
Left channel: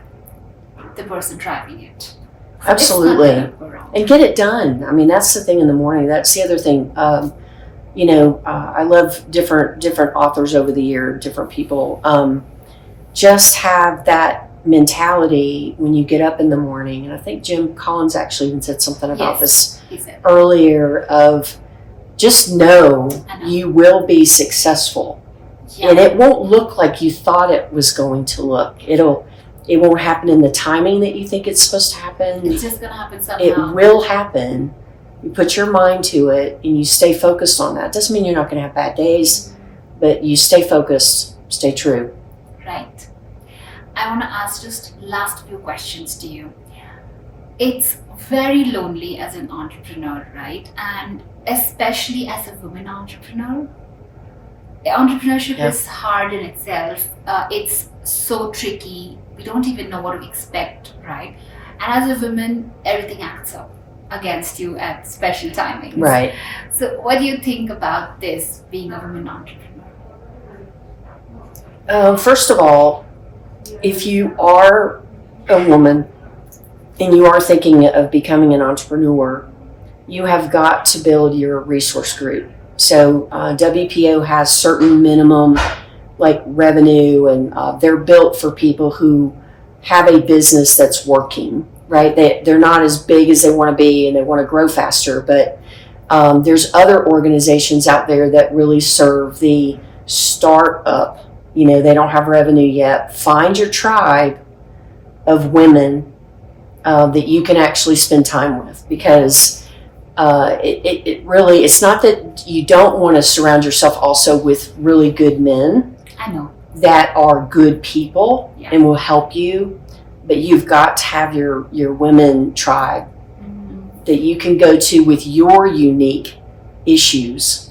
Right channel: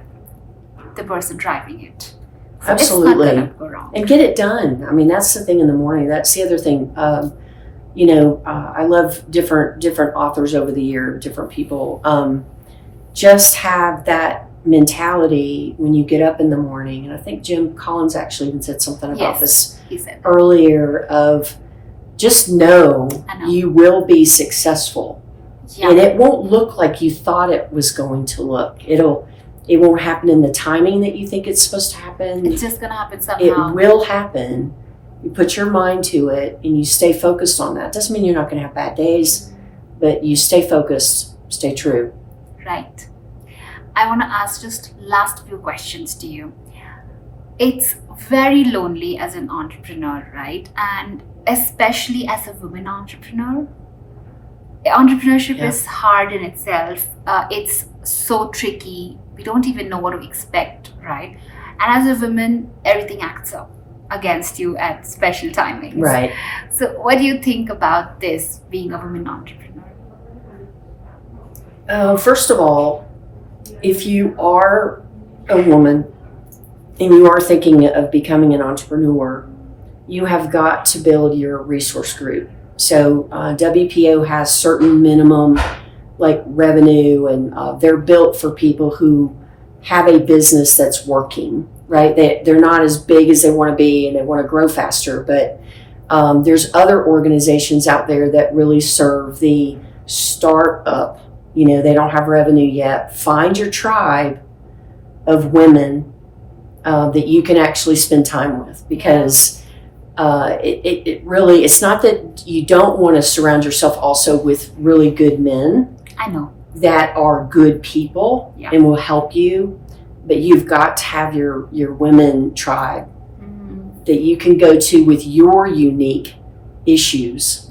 the person driving it. So absolutely. It's not gonna go wrong. And get it done. I mean, that's the thing in the morning. That's the other thing. I love different authors over the year, different people. Just have that mentality when you get up in the morning. And I think Jim Collins actually even said something about this earlier, of just know you will be successful. Yeah. And it won't look like you thought it was going to look. It won't happen in the timing that you think it's supposed to happen. It's just going to happen somehow. It will happen. You put your mind to it and you stay focused on that. Doesn't mean you're not going to have bad days, but you stay focused, stay true. Right. I want to ask just last few questions to you. It's very lonely as an entrepreneur, right? And especially as a woman entrepreneur. Entrepreneurship Yeah. is hard in itself. It's so tricky. We don't even know what to expect, right? And as a woman, everything acts up against you at special timings. Right. So, what do you think about this, being a woman entrepreneur? First of all, if you are a woman and you are thinking of becoming an entrepreneur, you have got to build your resource group. So WPO has certain minimum like revenue, and they're built for people who have a business that's working, right? They're not as big as they want to be and they want to grow faster, but there's other organizations out there that really serve the startup. They don't have revenue yet. Find your tribe of women that you can actually spend time with, because it really, it's not that you don't want to surround yourself also with really good men. I know. That are good people. Yeah. And will help you, but you've got to have your women tribe that you can go to with your unique issues.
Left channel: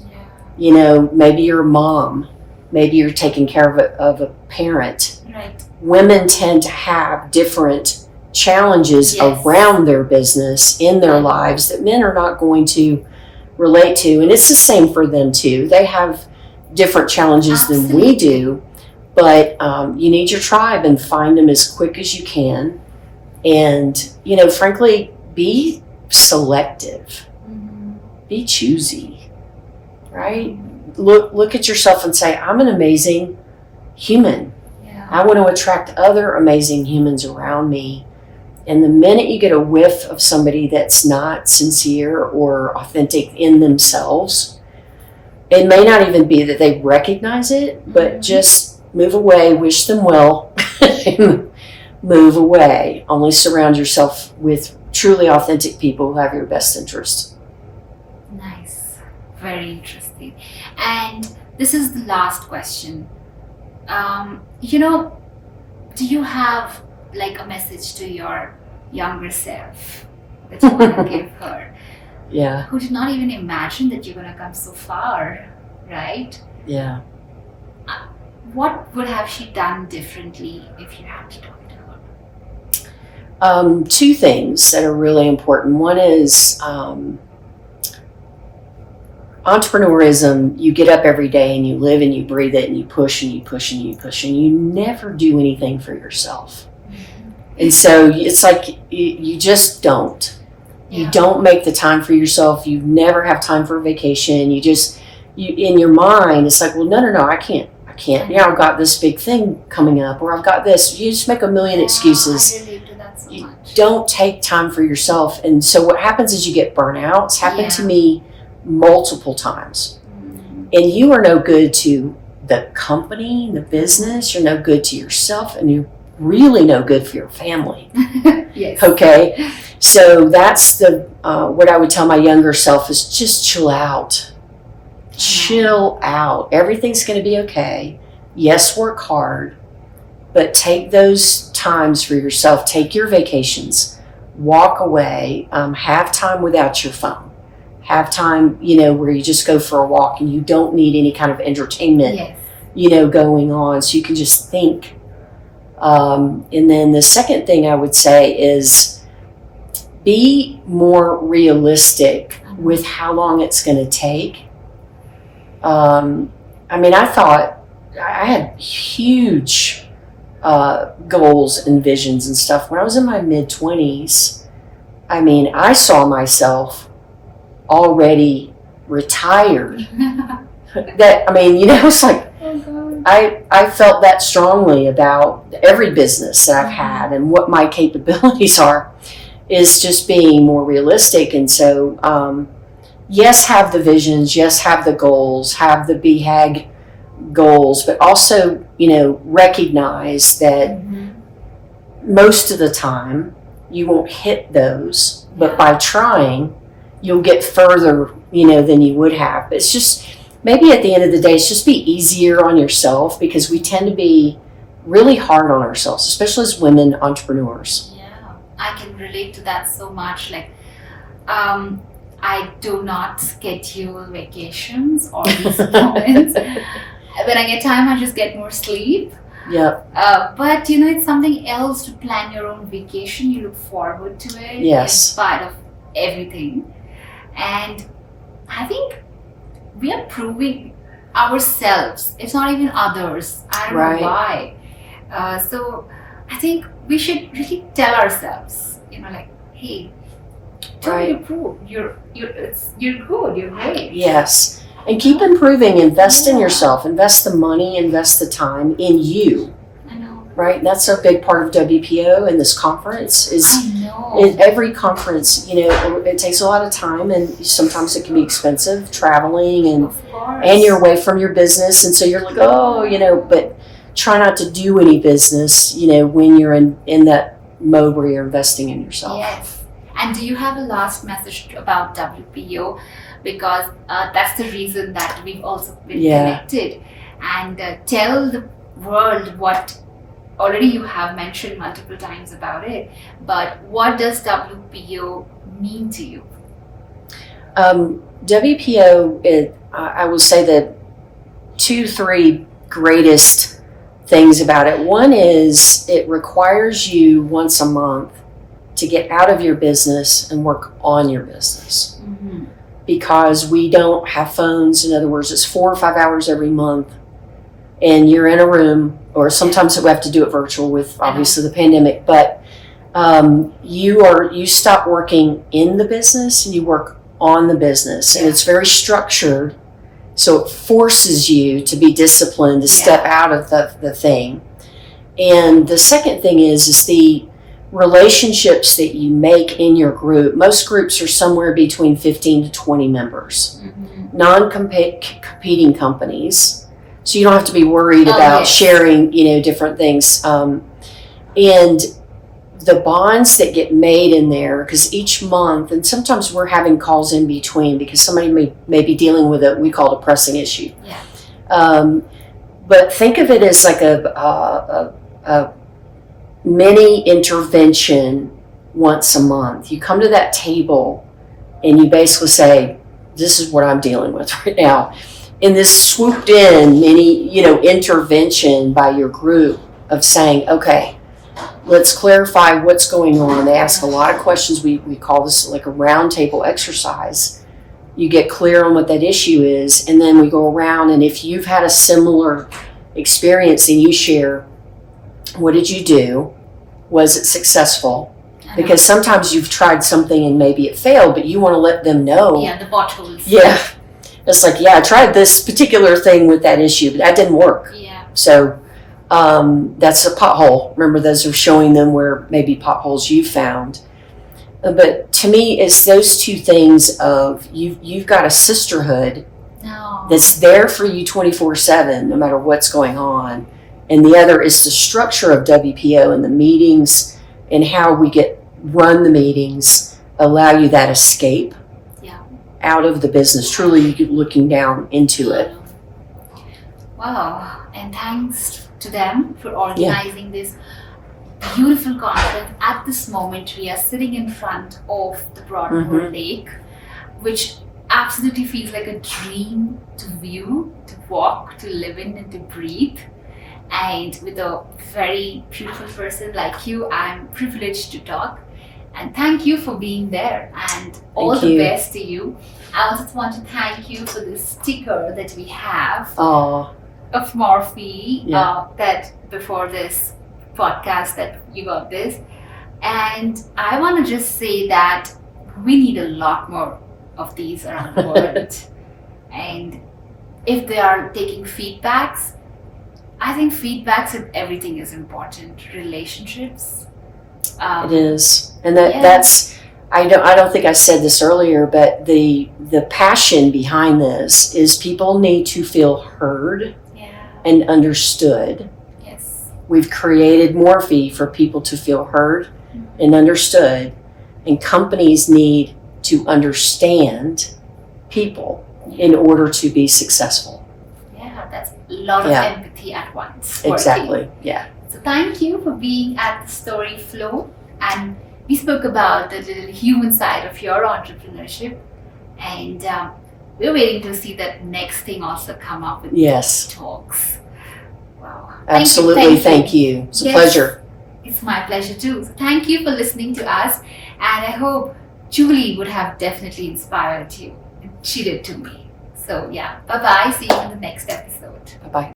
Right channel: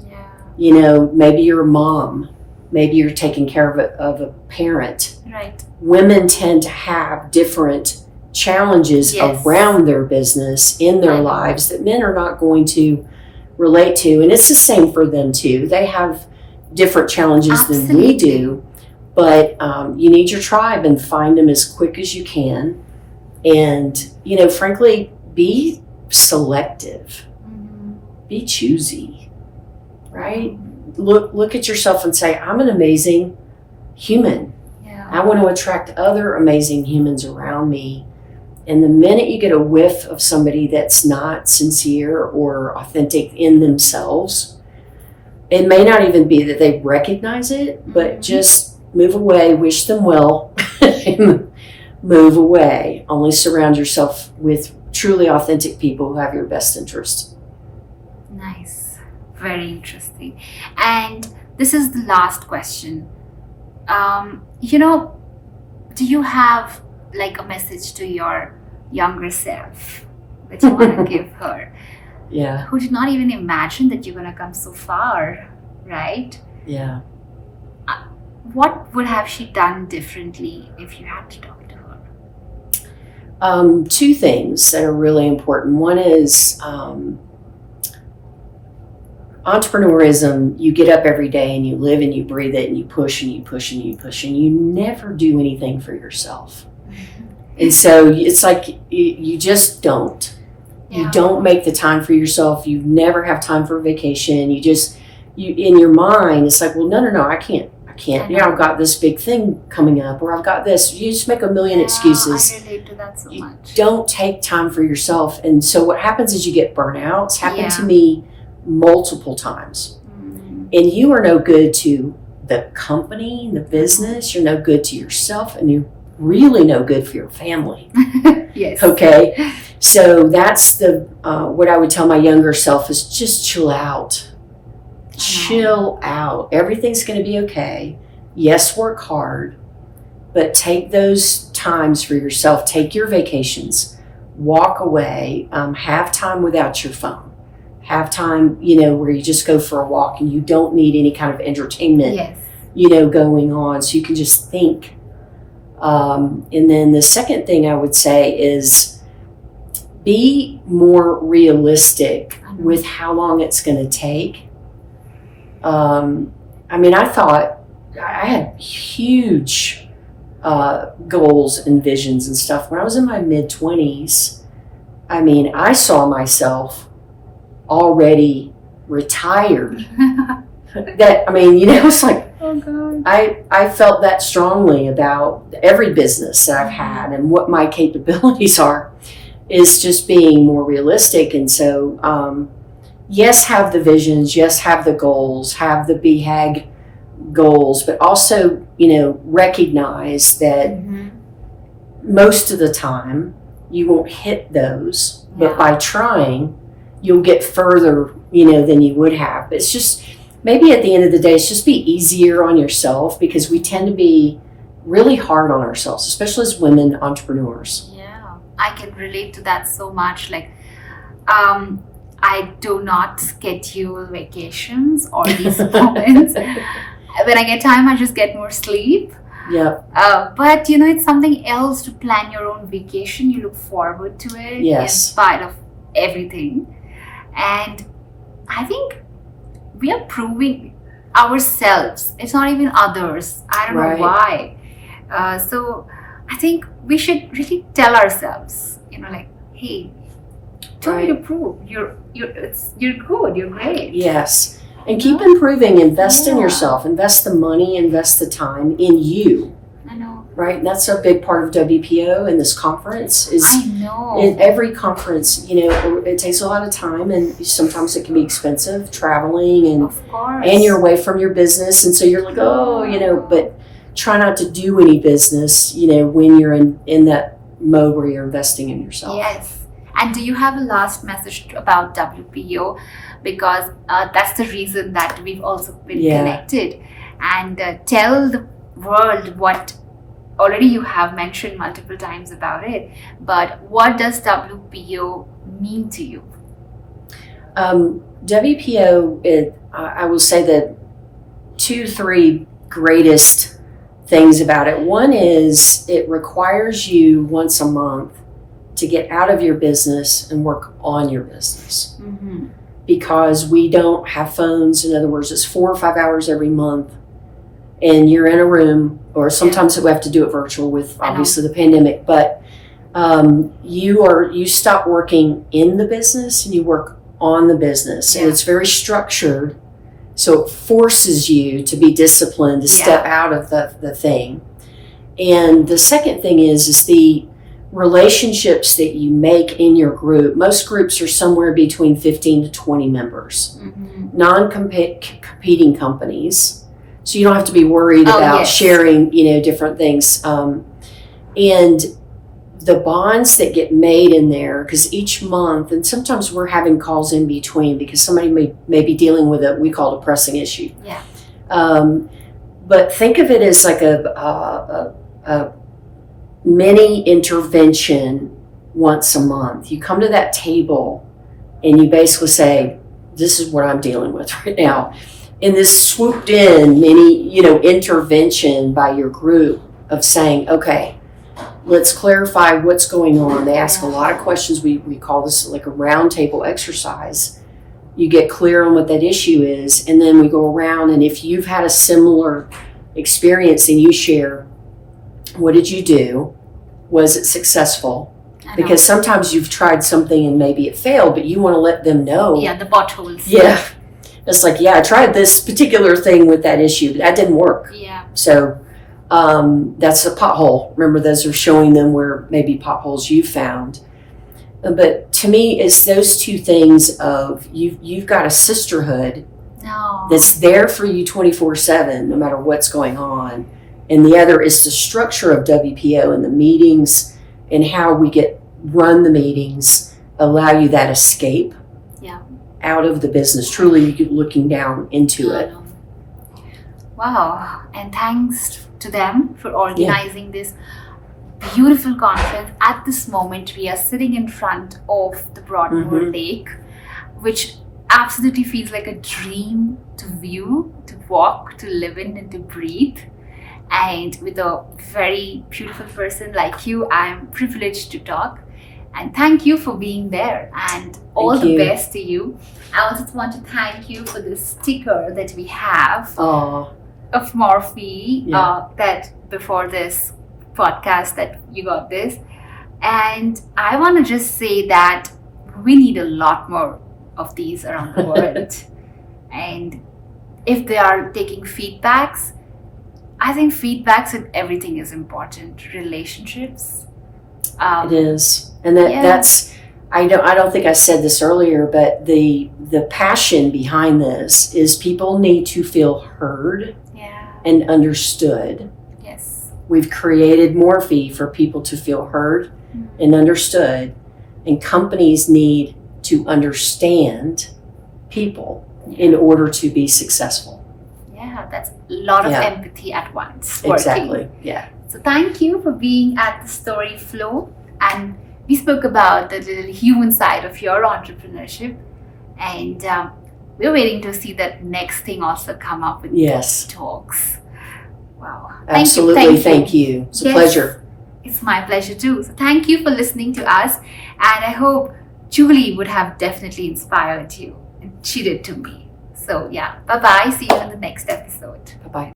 Yeah. Maybe you're a mom, maybe you're taking care of a parent. Right. Women tend to have different challenges Yes. around their business in their lives that men are not going to relate to, and it's the same for them too. They have different challenges than we Absolutely. do, but you need your tribe, and find them as quick as you can, and frankly, be selective, be choosy, right? Look at yourself and say, I'm an amazing human. Yeah. I want to attract other amazing humans around me. And the minute you get a whiff of somebody that's not sincere or authentic in themselves, it may not even be that they recognize it, but just move away, wish them well, move away. Only surround yourself with truly authentic people who have your best interest. Nice. Very interesting. And this is the last question. Do you have like a message to your younger self that you want to give her, Yeah, who did not even imagine that you're going to come so far, right? yeah. What would have she done differently if you had to talk to her? Two things that are really important. One is entrepreneurism. You get up every day and you live and you breathe it, and you push and you push and you push, and you never do anything for yourself. And so it's like you just don't. Yeah. You don't make the time for yourself. You never have time for vacation. You in your mind, it's like, well, no, I can't. Yeah, I've got this big thing coming up, or I've got this. You just make a million excuses. I relate to that so much. Don't take time for yourself. And so what happens is you get burnout. It's happened to Yeah. me multiple times. And you are no good to the company, the business. You're no good to yourself, and you're really no good for your family. Yes. Okay? So that's what I would tell my younger self is just chill out. Chill out. Everything's going to be okay. Yes, work hard, but take those times for yourself. Take your vacations. Walk away. Have time without your phone. Have time, where you just go for a walk and you don't need any kind of entertainment, Yes. going on, so you can just think. And then the second thing I would say is be more realistic with how long it's going to take. I thought I had huge goals and visions and stuff. When I was in my mid-20s, I saw myself already retired. It's like, Oh God. I felt that strongly about every business that I've had, and what my capabilities are is just being more realistic. And so, yes, have the visions, yes, have the goals, have the BHAG goals, but also, recognize that most of the time you won't hit those, but by trying, you'll get further, than you would have. But it's just, maybe at the end of the day, it's just be easier on yourself, because we tend to be really hard on ourselves, especially as women entrepreneurs. Yeah. I can relate to that so much. Like, um, I do not schedule vacations or these moments. When I get time, I just get more sleep. Yeah. But you know, it's something else to plan your own vacation. You look forward to it in Yes. spite of everything. And I think we are proving ourselves. It's not even others. I don't Right. know why. So I think we should really tell ourselves, you know, like, hey, don't need to prove you're good. You're great. Yes. And keep improving. Invest in Yeah. yourself. Invest the money. Invest the time in you. I know. Right. And that's a big part of WPO and this conference is. I know. In every conference, you know, it takes a lot of time, and sometimes it can be expensive traveling, and Of course. you're away from your business, and so you're like, oh, you know, but try not to do any business, you know, when you're in that mode where you're investing in yourself. Yes. And do you have a last message about WPO? Because that's the reason that we've also been Yeah. connected. And tell the world what already you have mentioned multiple times about it. But what does WPO mean to you? WPO, I will say that 2-3 greatest things about it. One is it requires you once a month to get out of your business and work on your business. Mm-hmm. Because we don't have phones. In other words, it's 4 or 5 hours every month, and you're in a room, or sometimes we have to do it virtual with obviously the pandemic, but you stop working in the business and you work on the business. Yeah. And it's very structured, so it forces you to be disciplined, to step out of the thing. And the second thing is the relationships that you make in your group. Most groups are somewhere between 15 to 20 members, Mm-hmm. non-competing companies, so you don't have to be worried about sharing, you know, different things. And the bonds that get made in there, because each month, and sometimes we're having calls in between because somebody may be dealing with we call it a pressing issue. Yeah. But think of it as like a mini intervention once a month. You come to that table and you basically say, this is what I'm dealing with right now. And this swooped in mini, you know, intervention by your group of saying, okay, let's clarify what's going on. They ask a lot of questions. We call this like a round table exercise. You get clear on what that issue is, and then we go around, and if you've had a similar experience, then you share, what did you do? Was it successful? Because sometimes you've tried something and maybe it failed, but you want to let them know. Yeah, the potholes. Yeah. It's like, yeah, I tried this particular thing with that issue, but that didn't work. Yeah. So that's a pothole. Remember, those are showing them where maybe potholes you found. But to me, it's those two things of you've got a sisterhood that's there for you 24/7, no matter what's going on. And the other is the structure of WPO and the meetings and how we run the meetings allow you that escape out of the business, truly looking down into it. Wow. And thanks to them for organizing this beautiful conference. At this moment, we are sitting in front of the Broadmoor Lake, which absolutely feels like a dream to view, to walk, to live in, and to breathe. And with a very beautiful person like you, I'm privileged to talk. And thank you for being there, and all the best to you. I also want to thank you for this sticker that we have of Morphii, that before this podcast that you got this. And I want to just say that we need a lot more of these around the world. And if they are taking feedbacks, I think feedbacks in everything is important. Relationships. It is. And that's, I don't think I said this earlier, but the passion behind this is people need to feel heard and understood. Yes. We've created Morphii for people to feel heard and understood, and companies need to understand people in order to be successful. Yeah, that's a lot of empathy at once. Exactly. Yeah. So thank you for being at the Story Flow, and we spoke about the little human side of your entrepreneurship, and we're waiting to see that next thing also come up with Yes. talks. Wow. Absolutely. Thank you. It's a Yes. pleasure. It's my pleasure too. So thank you for listening to us, and I hope Julie would have definitely inspired you. And she did to me. So yeah, bye bye. See you in the next episode. Bye bye.